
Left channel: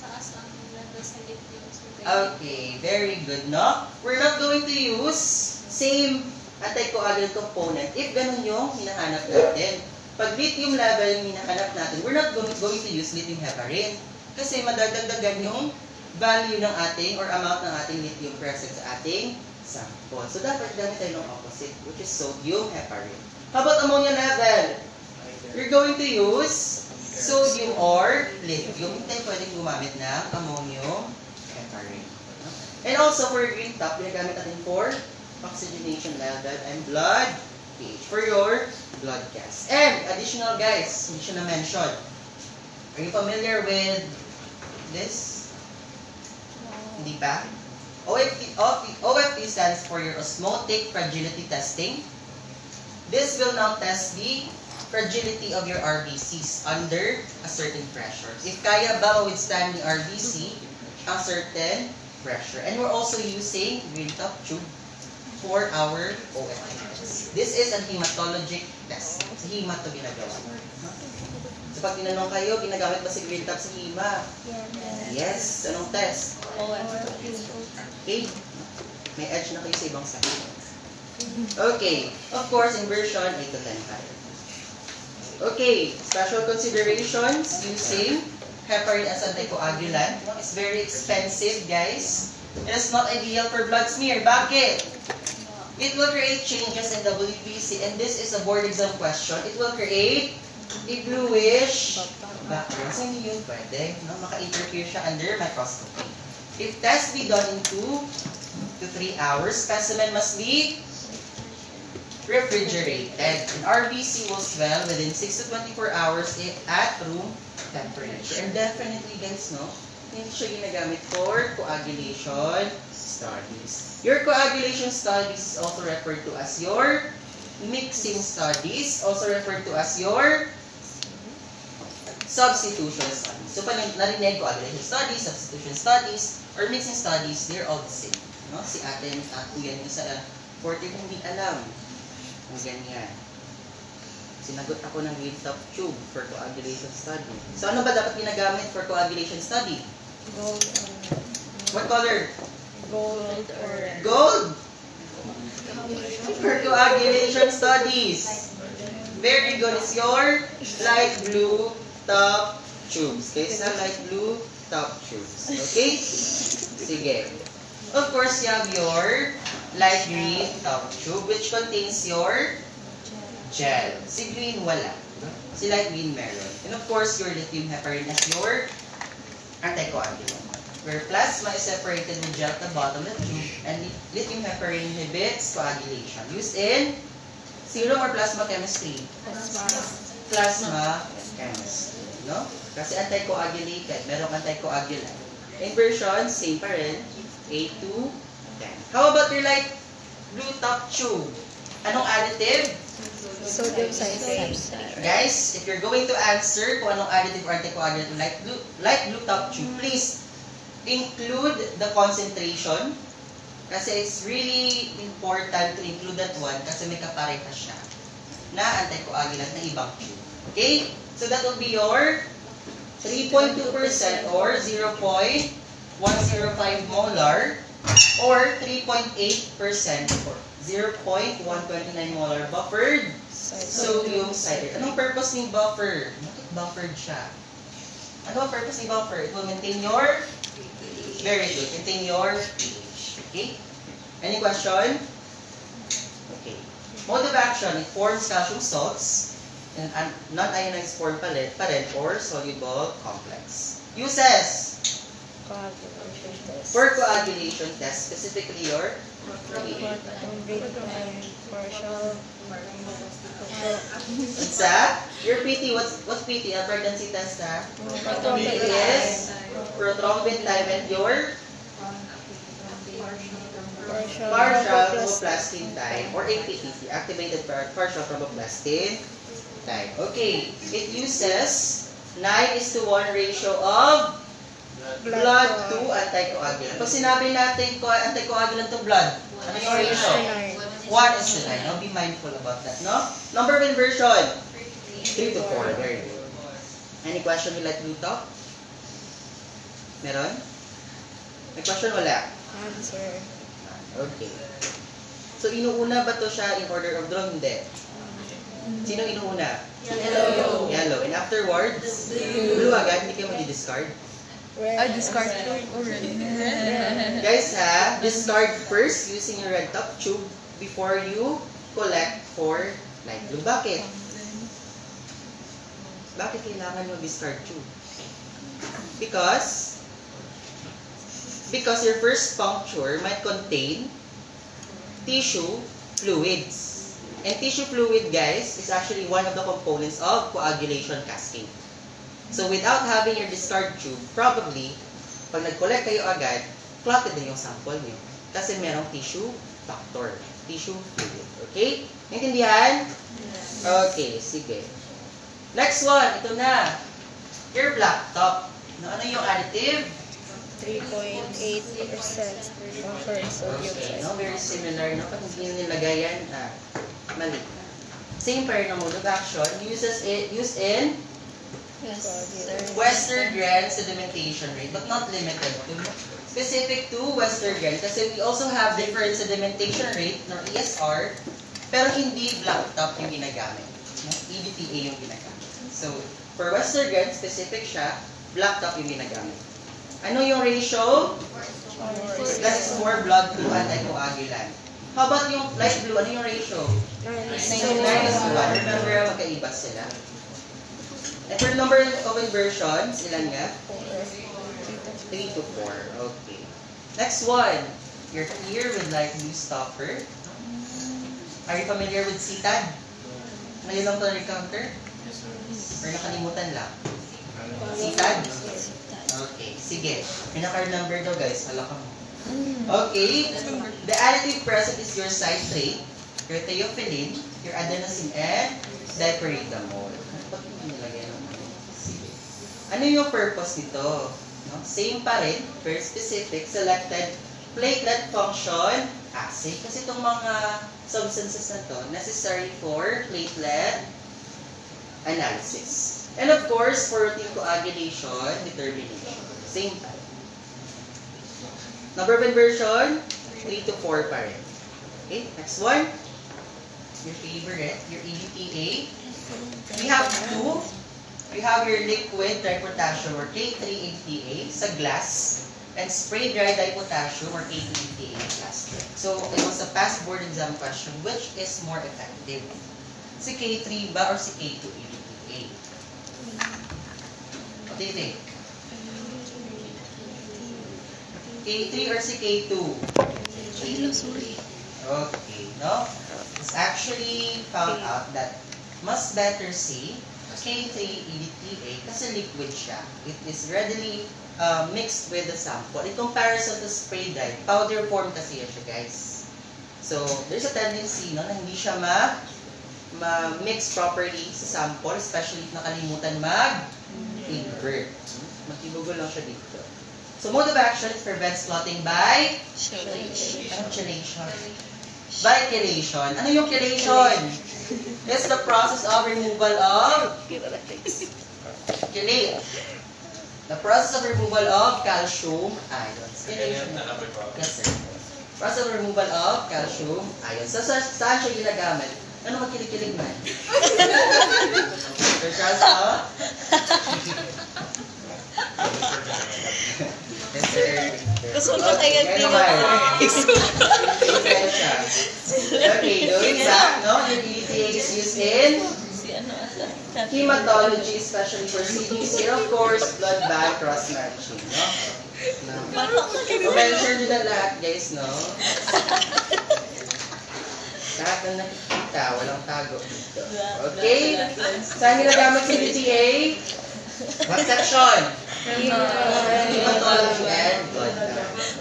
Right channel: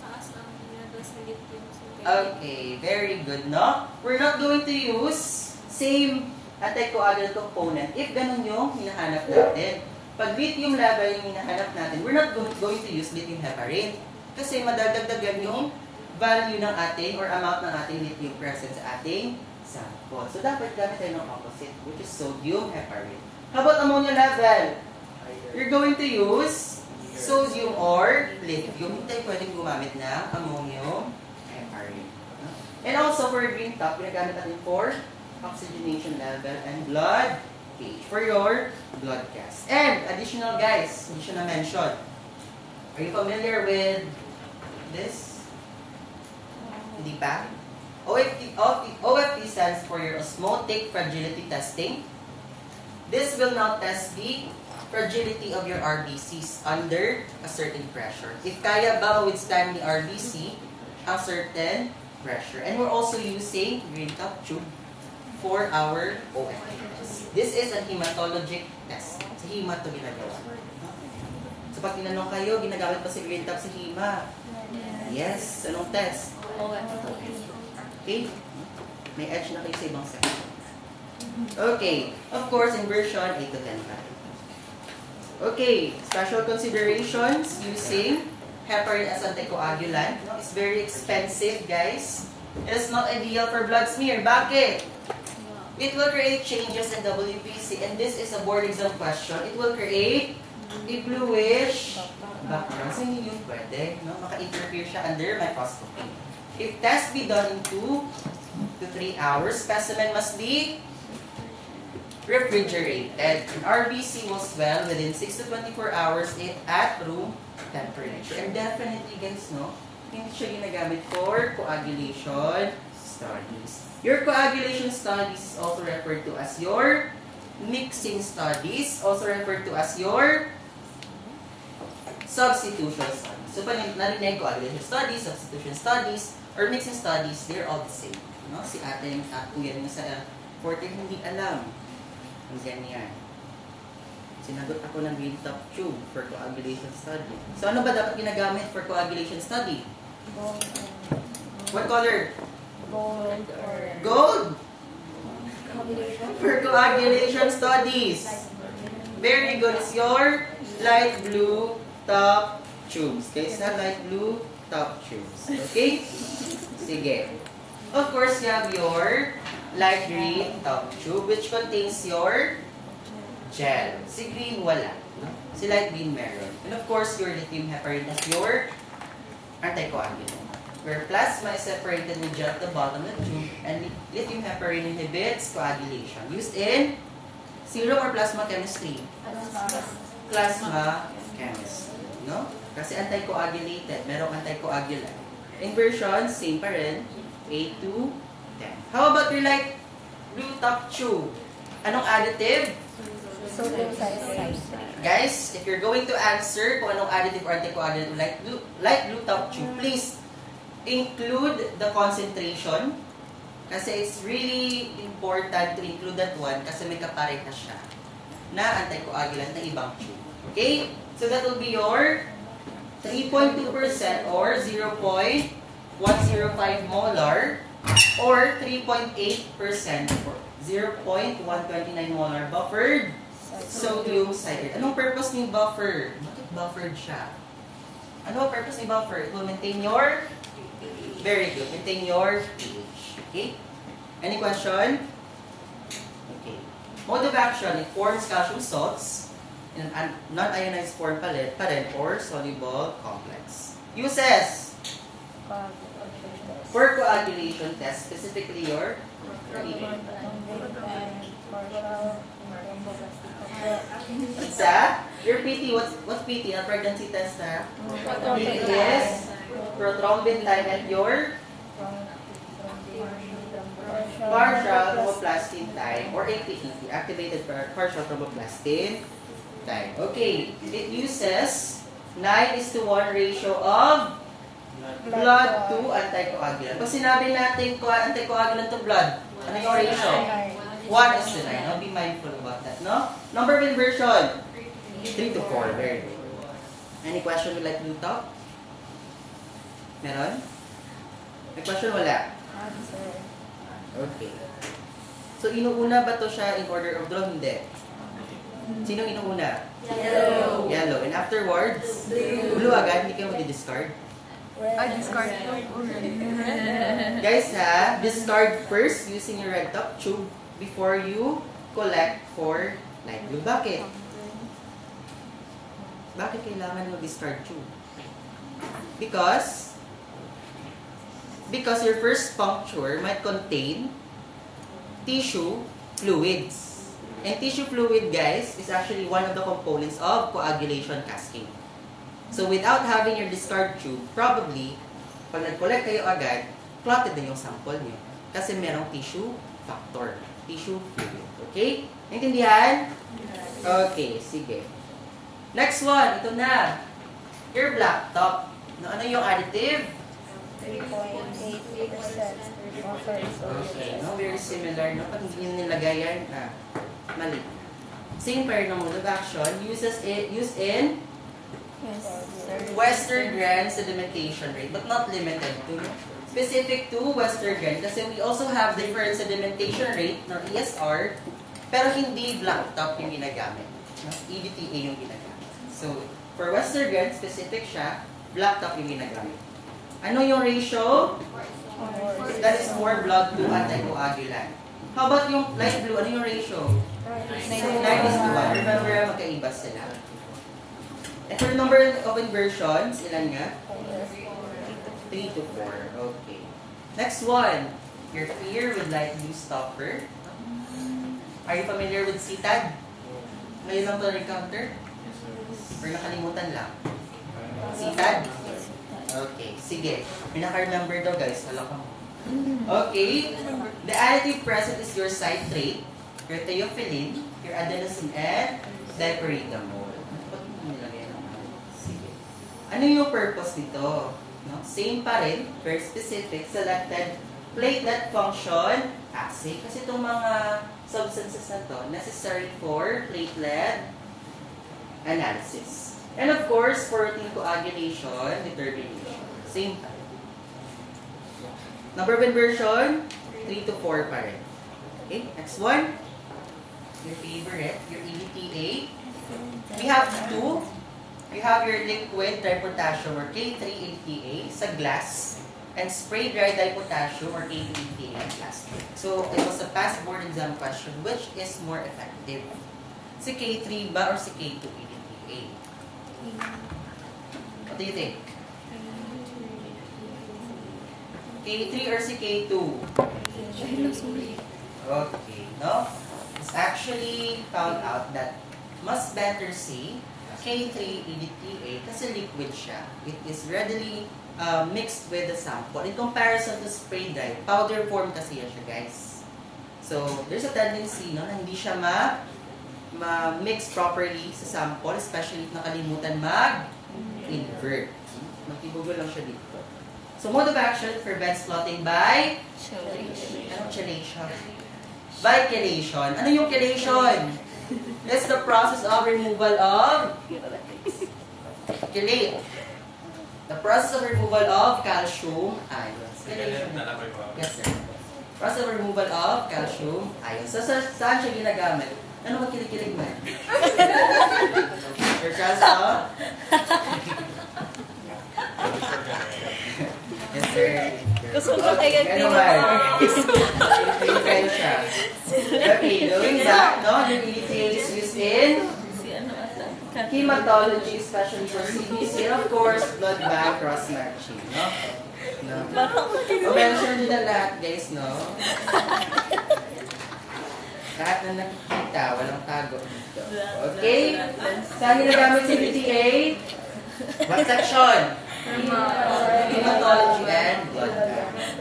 Taas ang levels ng lithium. Okay, very good, no? We're not going to use same anticoagulant component if ganun yung hinahanap natin. Pag lithium level yung hinahanap natin, we're not going to use lithium heparin. Kasi madadagdagan yung value ng ating or amount ng ating lithium present sa ating sample. So dapat gamit tayo ng opposite, which is sodium heparin. How about ammonia level? You're going to use sodium or lithium. Hindi tayo pwedeng gumamit ng ammonium heparin. And also for green top, ginagamit natin for oxygenation level and blood pH for your blood gas. And additional guys, hindi siya na-mention. Are you familiar with this? Hindi pa? OFT stands for your osmotic fragility testing. This will now test the fragility of your RBCs under a certain pressure. If kaya ba withstand the RBC a certain pressure. And we're also using green top tube for our OFT test. This is a hematologic test. Sa hema to ginagawa. So pag tinanong kayo, ginagamit ba si green top sa hema? Yes. Anong test? Okay. May edge na kayo sa ibang section. Okay. Of course, inversion, 8 to 10 times. Okay, special considerations using heparin as anticoagulant. It's very expensive, guys. It is not ideal for blood smear. Bakit? It will create changes in WBC, and this is a board exam question. It will create a bluish background. So, hindi yun pwede. No? Maka-interfere siya under microscopy. If test be done in 2 to 3 hours, specimen must be refrigerated. And RBC will swell within 6 to 24 hours at room temperature. And definitely, guys, no, hindi siya ginagamit for coagulation studies. Your coagulation studies is also referred to as your mixing studies, also referred to as your substitution studies. So, pag narinig coagulation studies, substitution studies, or mixing studies, they're all the same. No? Si atin, kung yan yung sa 14, hindi alam. Kung ganyan. Sinagot ako ng green top tube for coagulation study. So, ano ba dapat ginagamit for coagulation study? Gold. What color? Gold or Gold! For coagulation studies. Very good. It's your light blue top tubes. Okay, it's light blue top tubes. Okay? Sige. Of course, you have your light green top tube which contains your gel. Si green, wala. Si light green, meron. And of course, your lithium heparin as your anticoagulant. Where plasma is separated with gel at the bottom of the tube, and lithium heparin inhibits coagulation. Used in serum or plasma chemistry? Plasma chemistry. No? Kasi anticoagulated. Merong anticoagulant. Inversion, same pa rin. 8 to 10. How about your light blue top tube? Anong additive? sodium substrate. Guys, if you're going to answer kung anong additive or anticoagulant ng light blue top tube, please include the concentration kasi it's really important to include that one kasi may kapareha siya na anticoagulant na ibang tube. Okay? So that will be your 3.2% or 0.105 molar or 3.8% or 0.129 molar buffered sodium citrate. Anong purpose ng buffer? Bakit buffered siya? Ano ang purpose ng buffer? It will maintain your very good. Maintain your pH. Okay? Any question? Okay. Mode of action, it forms calcium salts in a non-ionized form pa rin or soluble complex. Uses for coagulation test, specifically your your PT, what's PT? A pregnancy test, ha? PT is prothrombin time and your partial thromboplastin time or APTT, activated partial thromboplastin time. Okay, it uses 9:1 ratio of blood to anticoagulant. Pag sinabi natin anticoagulant to blood, ano yung ratio? 1:9. Now be mindful about that, no? Number of inversion? 3 to 4. Very good. Any question you like to talk? Meron? May question? Wala? Answer. Okay. So, inuuna ba to siya in order of draw? Hindi. Sino inuuna? Yellow. Yellow. And afterwards? Blue agad. Hindi kayo mag-discard. Discard already. Guys, ha? Discard first using your red top tube before you collect for light blue. Bakit? Bakit kailangan yung discard tube? Because your first puncture might contain tissue fluids. And tissue fluid, guys, is actually one of the components of coagulation cascade. So without having your discard tube, probably, pag nag-collect kayo agad, clotted na yung sample niyo. Kasi merong tissue factor. Tissue fluid. Okay? Naintindihan? Okay, sige. Next one, ito na. Your black top. Ano yung additive? 3.8% offer sodium Okay, size. no? Very similar, no? Pag hindi nyo nilagay yan, mali. Same pair ng mode of action, used in Yes, sir. Western Grand sedimentation rate, but not limited to. Specific to Western Grand, kasi we also have different sedimentation rate, no, ESR, pero hindi blacktop yung ginagamit. No? EBTA yung ginagamit. So, for Western Grand, specific siya, blacktop yung ginagamit. Ano yung ratio? That is 4 blood to anticoagulant. How about yung light blue? Ano yung ratio? 9 is 1. Remember, magkaiba sila. And for the number of inversions, ilan nga? 3 to 4. Okay. Next one. You're here with light blue stopper. Are you familiar with CTAD? Ngayon lang ito na-encounter? Or nakalimutan lang? CTAD? Okay. Sige. May naka-remember daw guys. Alam ko. Okay. The additive present is your citrate, your theophylline, your adenosine, and dipyritamol. Sige. Ano yung purpose nito? No? Same pa rin, very specific, selected platelet function assay. Kasi itong mga substances na to, necessary for platelet analysis. And of course, for routine coagulation, determination. Same time. Number of inversion, 3 to 4 pa rin. Okay, next one. Your favorite, your EDTA. We have two. We have your liquid dipotassium or K3-EDTA sa glass and spray dry dipotassium or K2-EDTA in plastic. So, it was a past board exam question, which is more effective? Si K3 ba or si K2-EDTA? What do you think? K3 or si K2? Sorry. Okay, no? It's actually found out that mas better si K3-EDTA kasi liquid siya. It is readily mixed with the sample. In comparison to spray dry, powder form kasi yan siya, guys. So, there's a tendency no, na hindi siya ma-mix properly sa sample, especially if nakalimutan mag-invert. Makibugol lang siya dito. So, mode of action prevents clotting by anong chelation? By chelation. Ano yung chelation? It's the process of removal of chelate. The process of removal of calcium ions. Chelation. Yes, sir. Process of removal of calcium ions. So, saan siya ginagamit? Ano magkilig-kilig mo? Your calcium? Yes, sir. Kasunod tayo Ano ba? Okay, doing that, no? The EDTA is used in hematology, especially for CBC, and of course, blood bank cross-matching, no? Mention nyo na lahat, guys, no? Lahat na nakikita, walang tago dito. Okay? Saan ginagamit si EDTA? What section? Hematology and blood bank.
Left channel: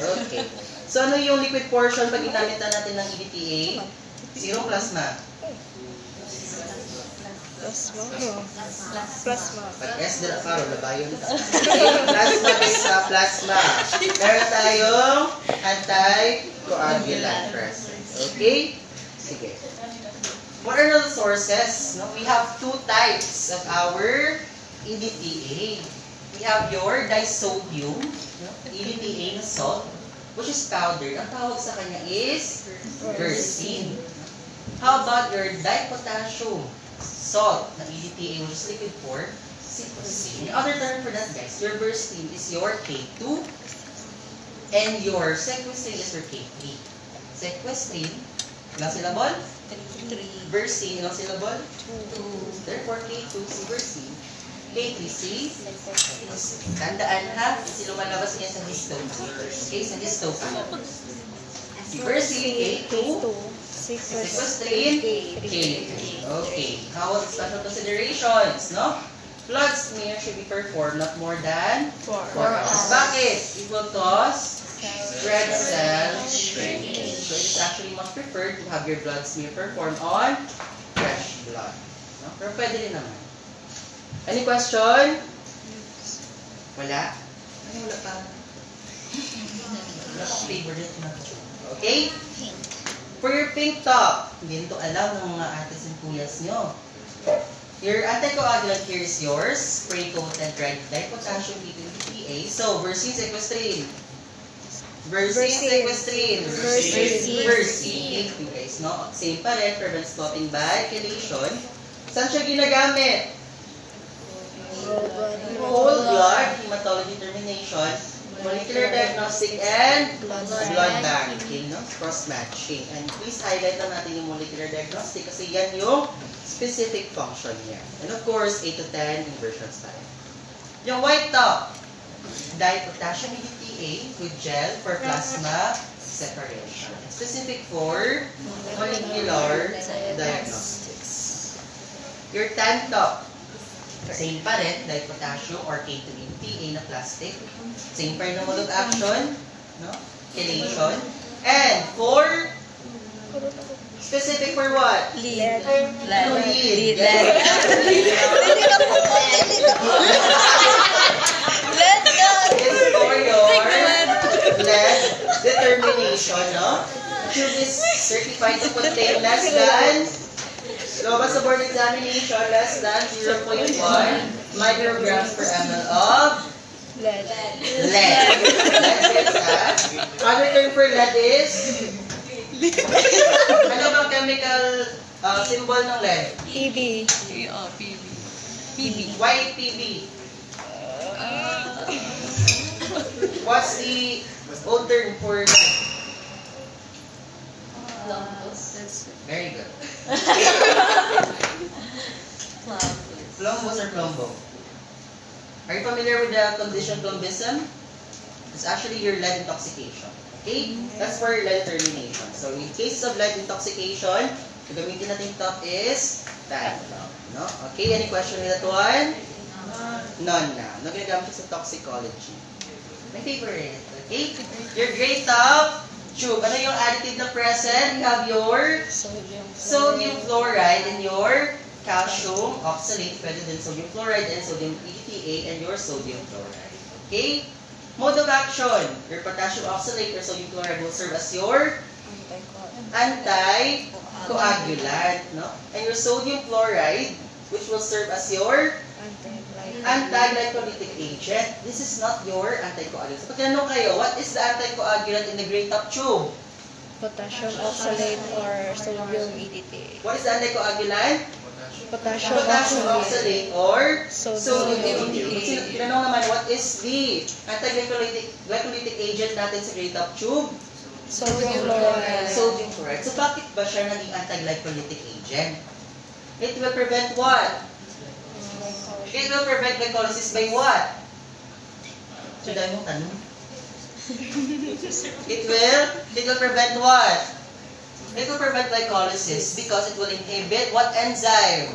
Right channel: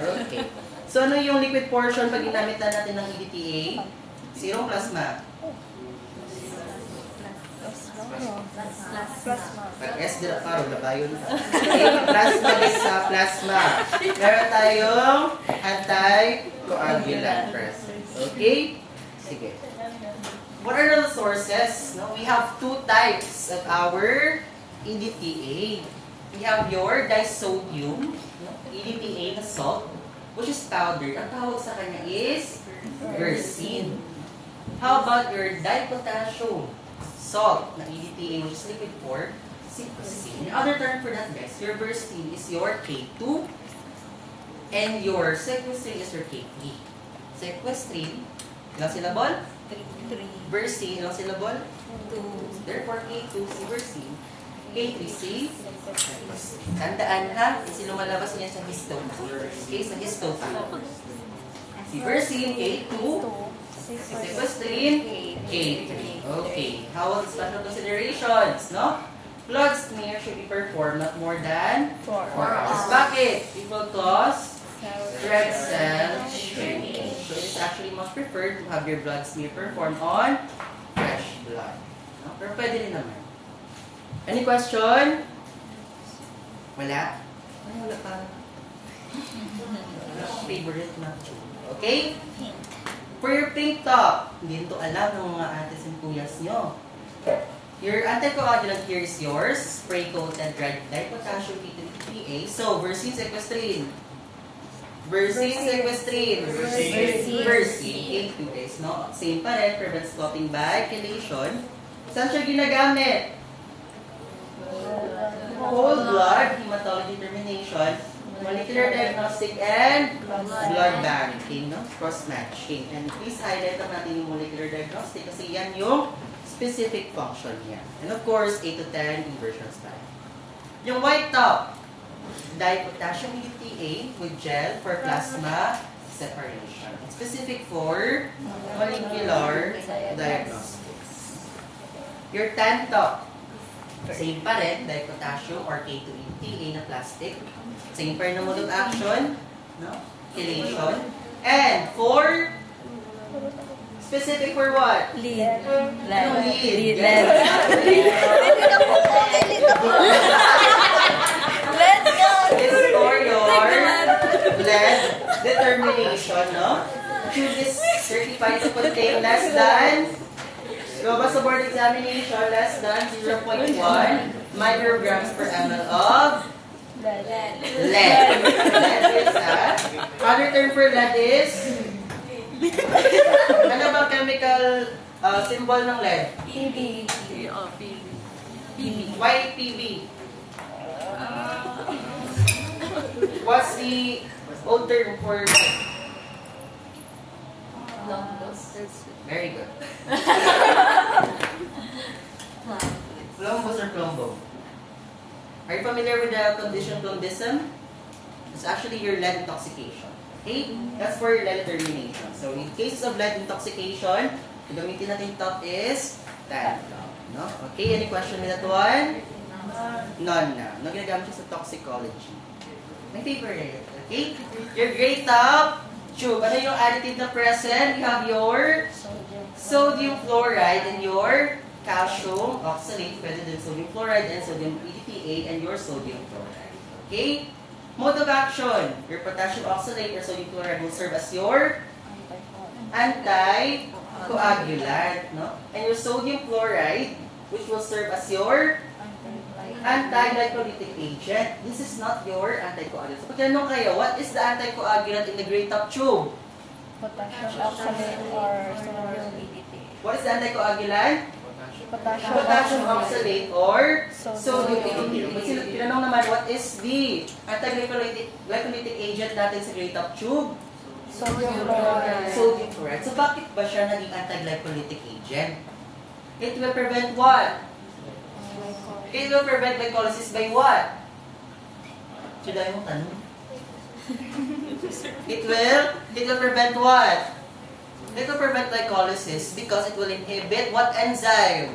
Okay. So, ano yung liquid portion pag ginamit na natin ng EDTA? Zero plasma. Plasma. S de la caro, labayo na. Plasma is sa plasma. Meron tayong anti-coagulant present. Okay? Sige. What are the sources? No, we have two types of our EDTA. We have your disodium, EDTA na salt, which is powder. Ang tawag sa kanya is Versine. How about your dipotassium salt na EDTA, which is liquid form, cytosine. The other term for that, guys, your Versine is your K2 and your sequestrine is your K3. Sequestrine, ilang syllable? 3. Versine, ilang syllable? 2. Therefore, K2 si Versine. K3C, tandaan ha, kasi lumalabas niya sa histone. Okay, sa histone. Si Versine, K2, sequestrine, K3. Okay, how about special considerations, no? Blood smear should be performed not more than 4 hours. Bakit? It will cause red cell shrinkage. So it's actually much preferred to have your blood smear performed on fresh blood. No? Pero pwede rin naman. Any question? Wala? Ay, wala pa. Favorite na tube. Okay? For your pink top, hindi nito alam ng mga artists and kuyas nyo. Your anticoagulant here is yours. Spray coated red dipotassium PTA. So, Versene sequestrine. Versene sequestrine. Versene. Okay, guys, no? Same pa rin. Prevents clotting by chelation. Saan siya ginagamit? Whole blood, hematology determination, molecular diagnostic, and blood banking, no? Cross-matching. And please highlight na natin yung molecular diagnostic kasi yan yung specific function niya. And of course, 8 to 10 inversions pa rin. Yung white top, dipotassium PTA with gel for plasma separation. It's specific for molecular diagnostics. Your tan top, same pa rin, dipotassium or K2ETA na plastic. Same pa rin na mode of action, no? Chelation. And for specific for what? Lead. Ano lead? Let's go! It's for your blood determination, no? Tube is certified to contain less than, sa board examination, less than 0.1 micrograms per ml of Lead. lead. Other term for lead is, ano bang chemical symbol ng lead? PB. Why PB? What's the old term for lead? Very good. Plumbus or plumbo? Are you familiar with the condition plumbism? It's actually your lead intoxication. Okay? That's for your lead determination. So in cases of lead intoxication, yung gamitin natin top is that. No? Okay, any question with that one? None na. No, ginagamit siya sa toxicology. My favorite. Okay? Your gray top, tube. Ano yung additive na present? You have your sodium fluoride and your calcium oxalate, pwede din sodium fluoride and sodium PTA and your sodium fluoride. Okay? Mode of action. Your potassium oxalate or sodium fluoride will serve as your anticoagulant, no? And your sodium fluoride, which will serve as your anti-glycolytic agent. This is not your anticoagulant. So, pag tanong kayo, what is the anticoagulant in the gray top tube? Potassium oxalate or sodium EDTA. What is the anticoagulant? Potassium Oxalate or sodium EDTA. EDTA. Tinanong naman, what is the anti-glycolytic agent natin sa gray top tube? Sodium fluoride. Sodium fluoride. So, bakit ba siya naging anti-glycolytic agent? It will prevent what? It will prevent glycolysis by what? So, dahil mong tanong. It will prevent what? It will prevent glycolysis because it will inhibit what enzyme?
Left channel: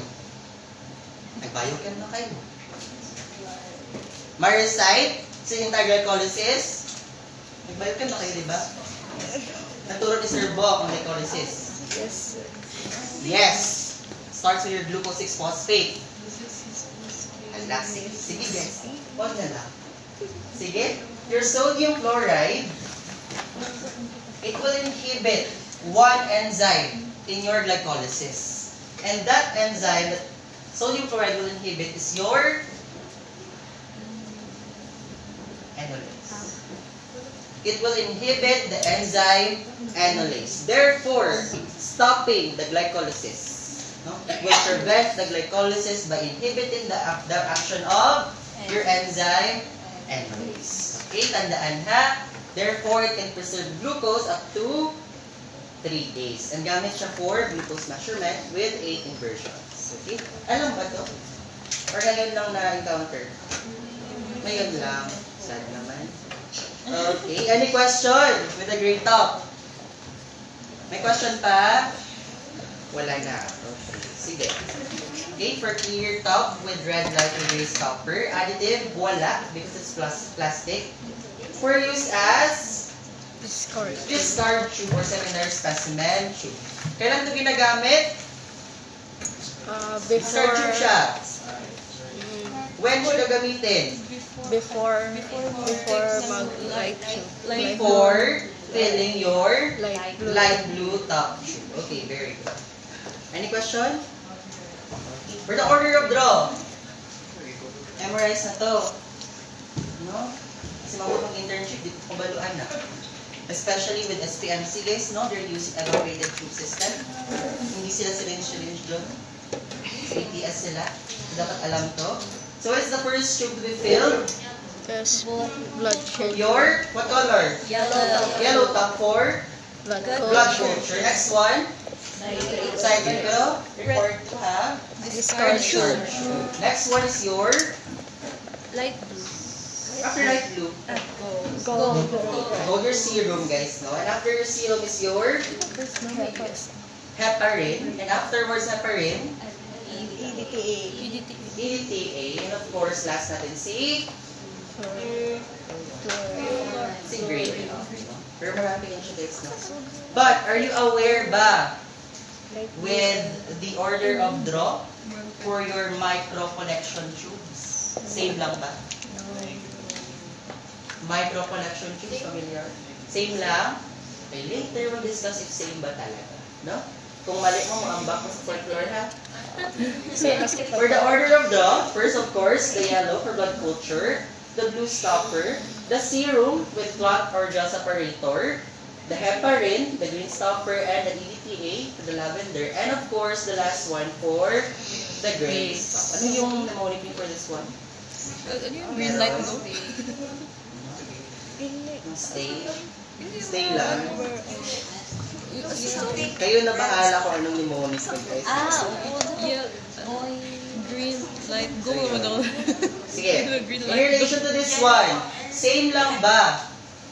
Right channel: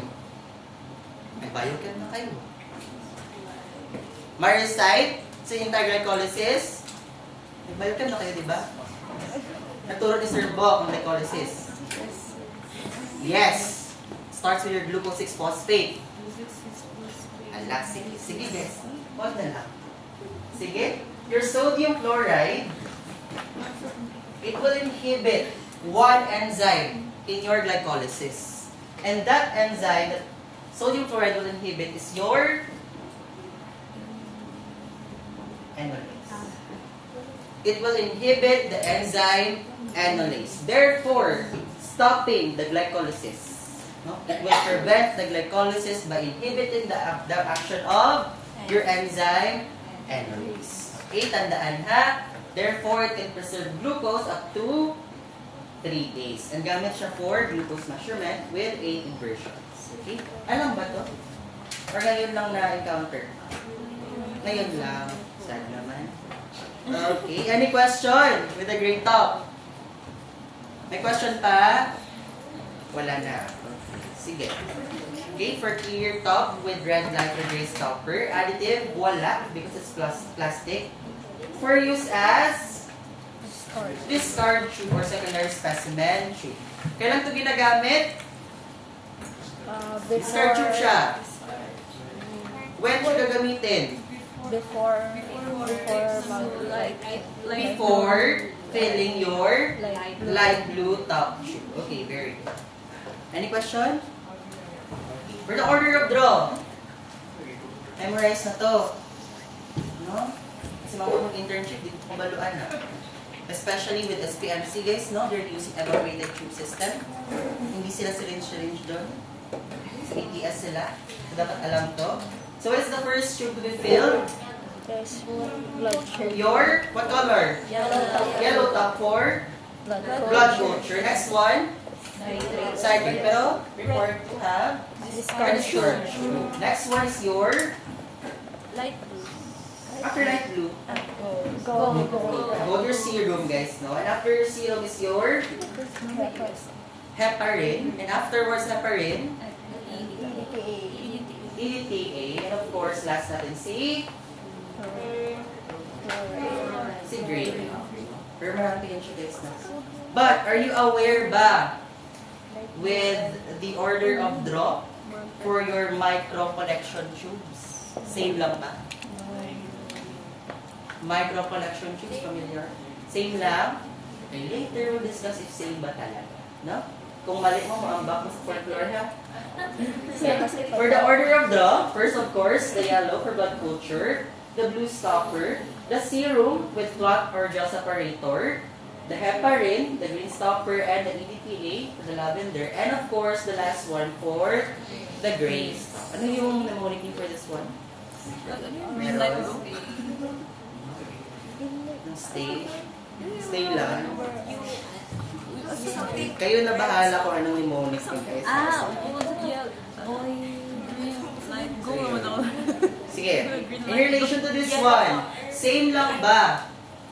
Nag-biochem na kayo. Myrisite, sa anti-glycolysis. Nag-biochem na kayo, di ba? Naturo ni Sir Bo ang glycolysis. Yes. Starts with your glucose 6-phosphate. Ala, sige guys. Huwag na lang. Sige. Your sodium fluoride, it will inhibit one enzyme in your glycolysis. And that enzyme that sodium fluoride will inhibit is your enolase. It will inhibit the enzyme enolase. Therefore, stopping the glycolysis. No? It will prevent the glycolysis by inhibiting the action of your enzyme enolase. Okay, tandaan ha. Therefore, it can preserve glucose up to 3 days. And gamit siya for glucose measurement with 8 inversions. Okay? Alam ba to? Or ngayon lang na-encounter? Ngayon lang. Sad naman. Okay, any question with the green top? May question pa? Wala na. Okay, sige. Okay, for clear top with red light erase copper. Additive, wala, because it's plastic. For use as discard tube or secondary specimen tube. Kailan ito ginagamit? Discard tube siya. When siya gagamitin? Before mag-light tube. Before filling your Light blue. light blue top tube. Okay, very good. Any question? For the order of draw. Memorize na to. No? Kasi mga mag-internship, dito pabaluan na. Especially with SPMC guys, no? They're using evaporated tube system. Hindi sila syringe doon. Sa ATS sila. Dapat alam to. So what's the first tube to be filled? This blood tube. Your, what color? Yellow top for Blood blood culture. culture. Next one, citrate. Pero required to have Discussion. Next one is your, Light blue. after light blue, Gold. gold your serum guys, no? And after your serum is your heparin. And afterwards heparin, EDTA. EDTA. And of course, last natin si grade. Pero marami yan siya guys na. But, are you aware ba with the order of draw for your micro collection tubes? Same lang ba? Micro collection tubes, familiar? Same lang? Okay, later we'll discuss if same ba talaga. No? Kung mali mo, ambak mo sa folklore ha? For the order of draw, first of course, the yellow for blood culture, the blue stopper, the serum with clot or gel separator, the heparin, the green stopper, and the EDTA, the lavender, and of course, the last one for the gray. Ano yung mnemonic niyo for this one? Green light blue. Stay. Stay lang. Kayo na bahala kung anong mnemonic niyo guys. Yeah. Green light blue. Sige. In relation to this one, same lang ba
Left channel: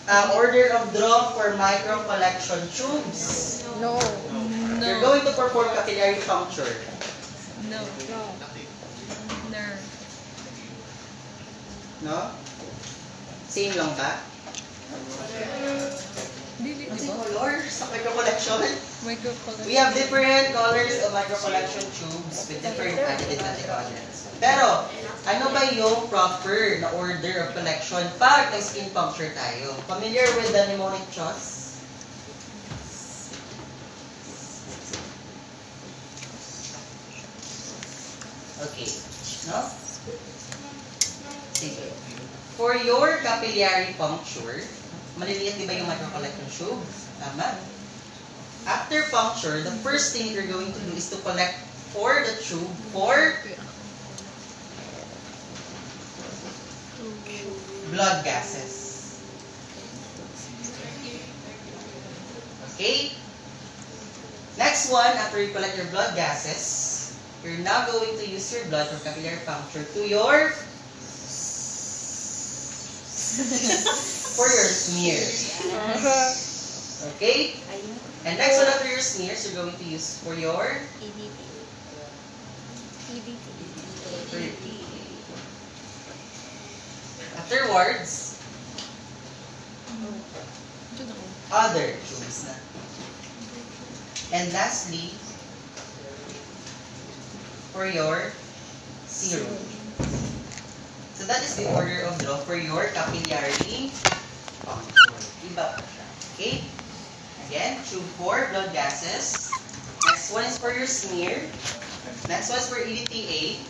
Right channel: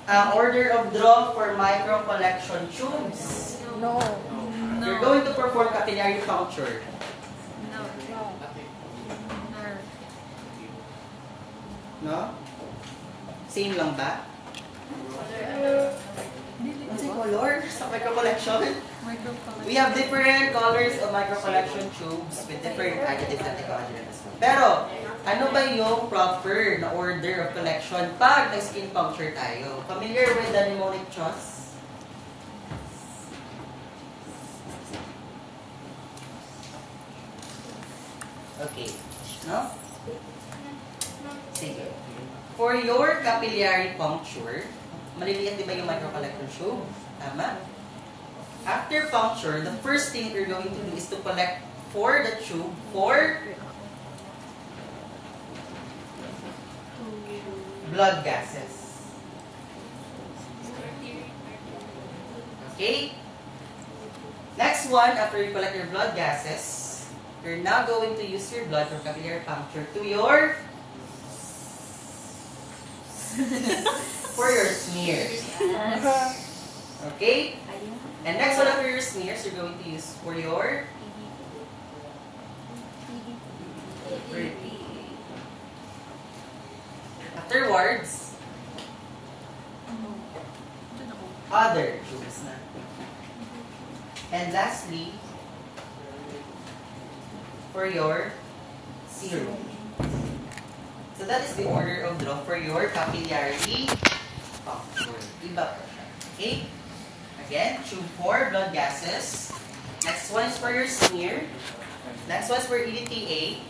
ang order of draw for micro collection tubes? No. You're going to perform capillary puncture. No. No? Same lang ba? Kasi colors sa micro collection. We have different colors of micro collection tubes with different additive and decogens. Pero, ano ba yung proper na order of collection pag may skin puncture tayo? Familiar with the mnemonic choice? Okay. No? Sige. For your capillary puncture, maliliit di ba yung micro collection tube? Tama? After puncture, the first thing you're going to do is to collect for the tube for blood gases. Okay? Next one, after you collect your blood gases, you're now going to use your blood for capillary puncture to your for your smears. Okay? And next one after your smears, you're going to use for your afterwards, other tubes na. And lastly, for your serum. So that is the order of draw for your capillary puncture. Iba. Okay? Again, tube 4, blood gases. Next one is for your smear. Next one is for EDTA.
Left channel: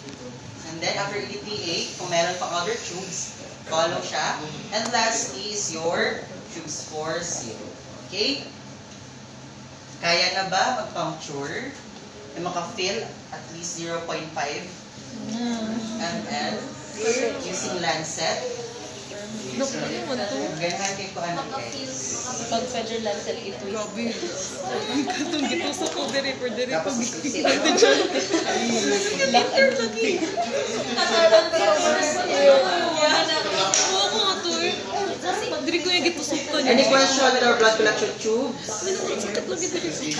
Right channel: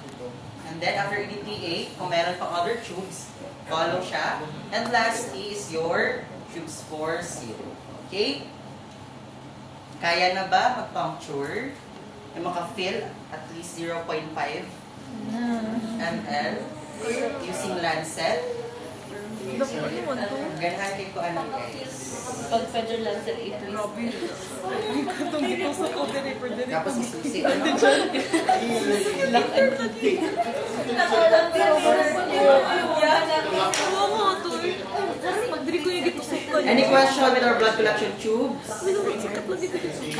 And then after EDTA, kung meron pang other tubes, follow siya. And lastly is your tubes for serum. Okay? Kaya na ba mag-puncture? Na maka-fill at least 0.5 ml using lancet? Ganyan kayo ko ano guys. Pag pwede lang sila i-twist. Grabe. Katong gitusok ko diri per diri. Tapos isusi. Later lagi. Wow, to eh. Diri ko yung gitusok ko. Any question with our blood collection tubes? Sikat lagi diri.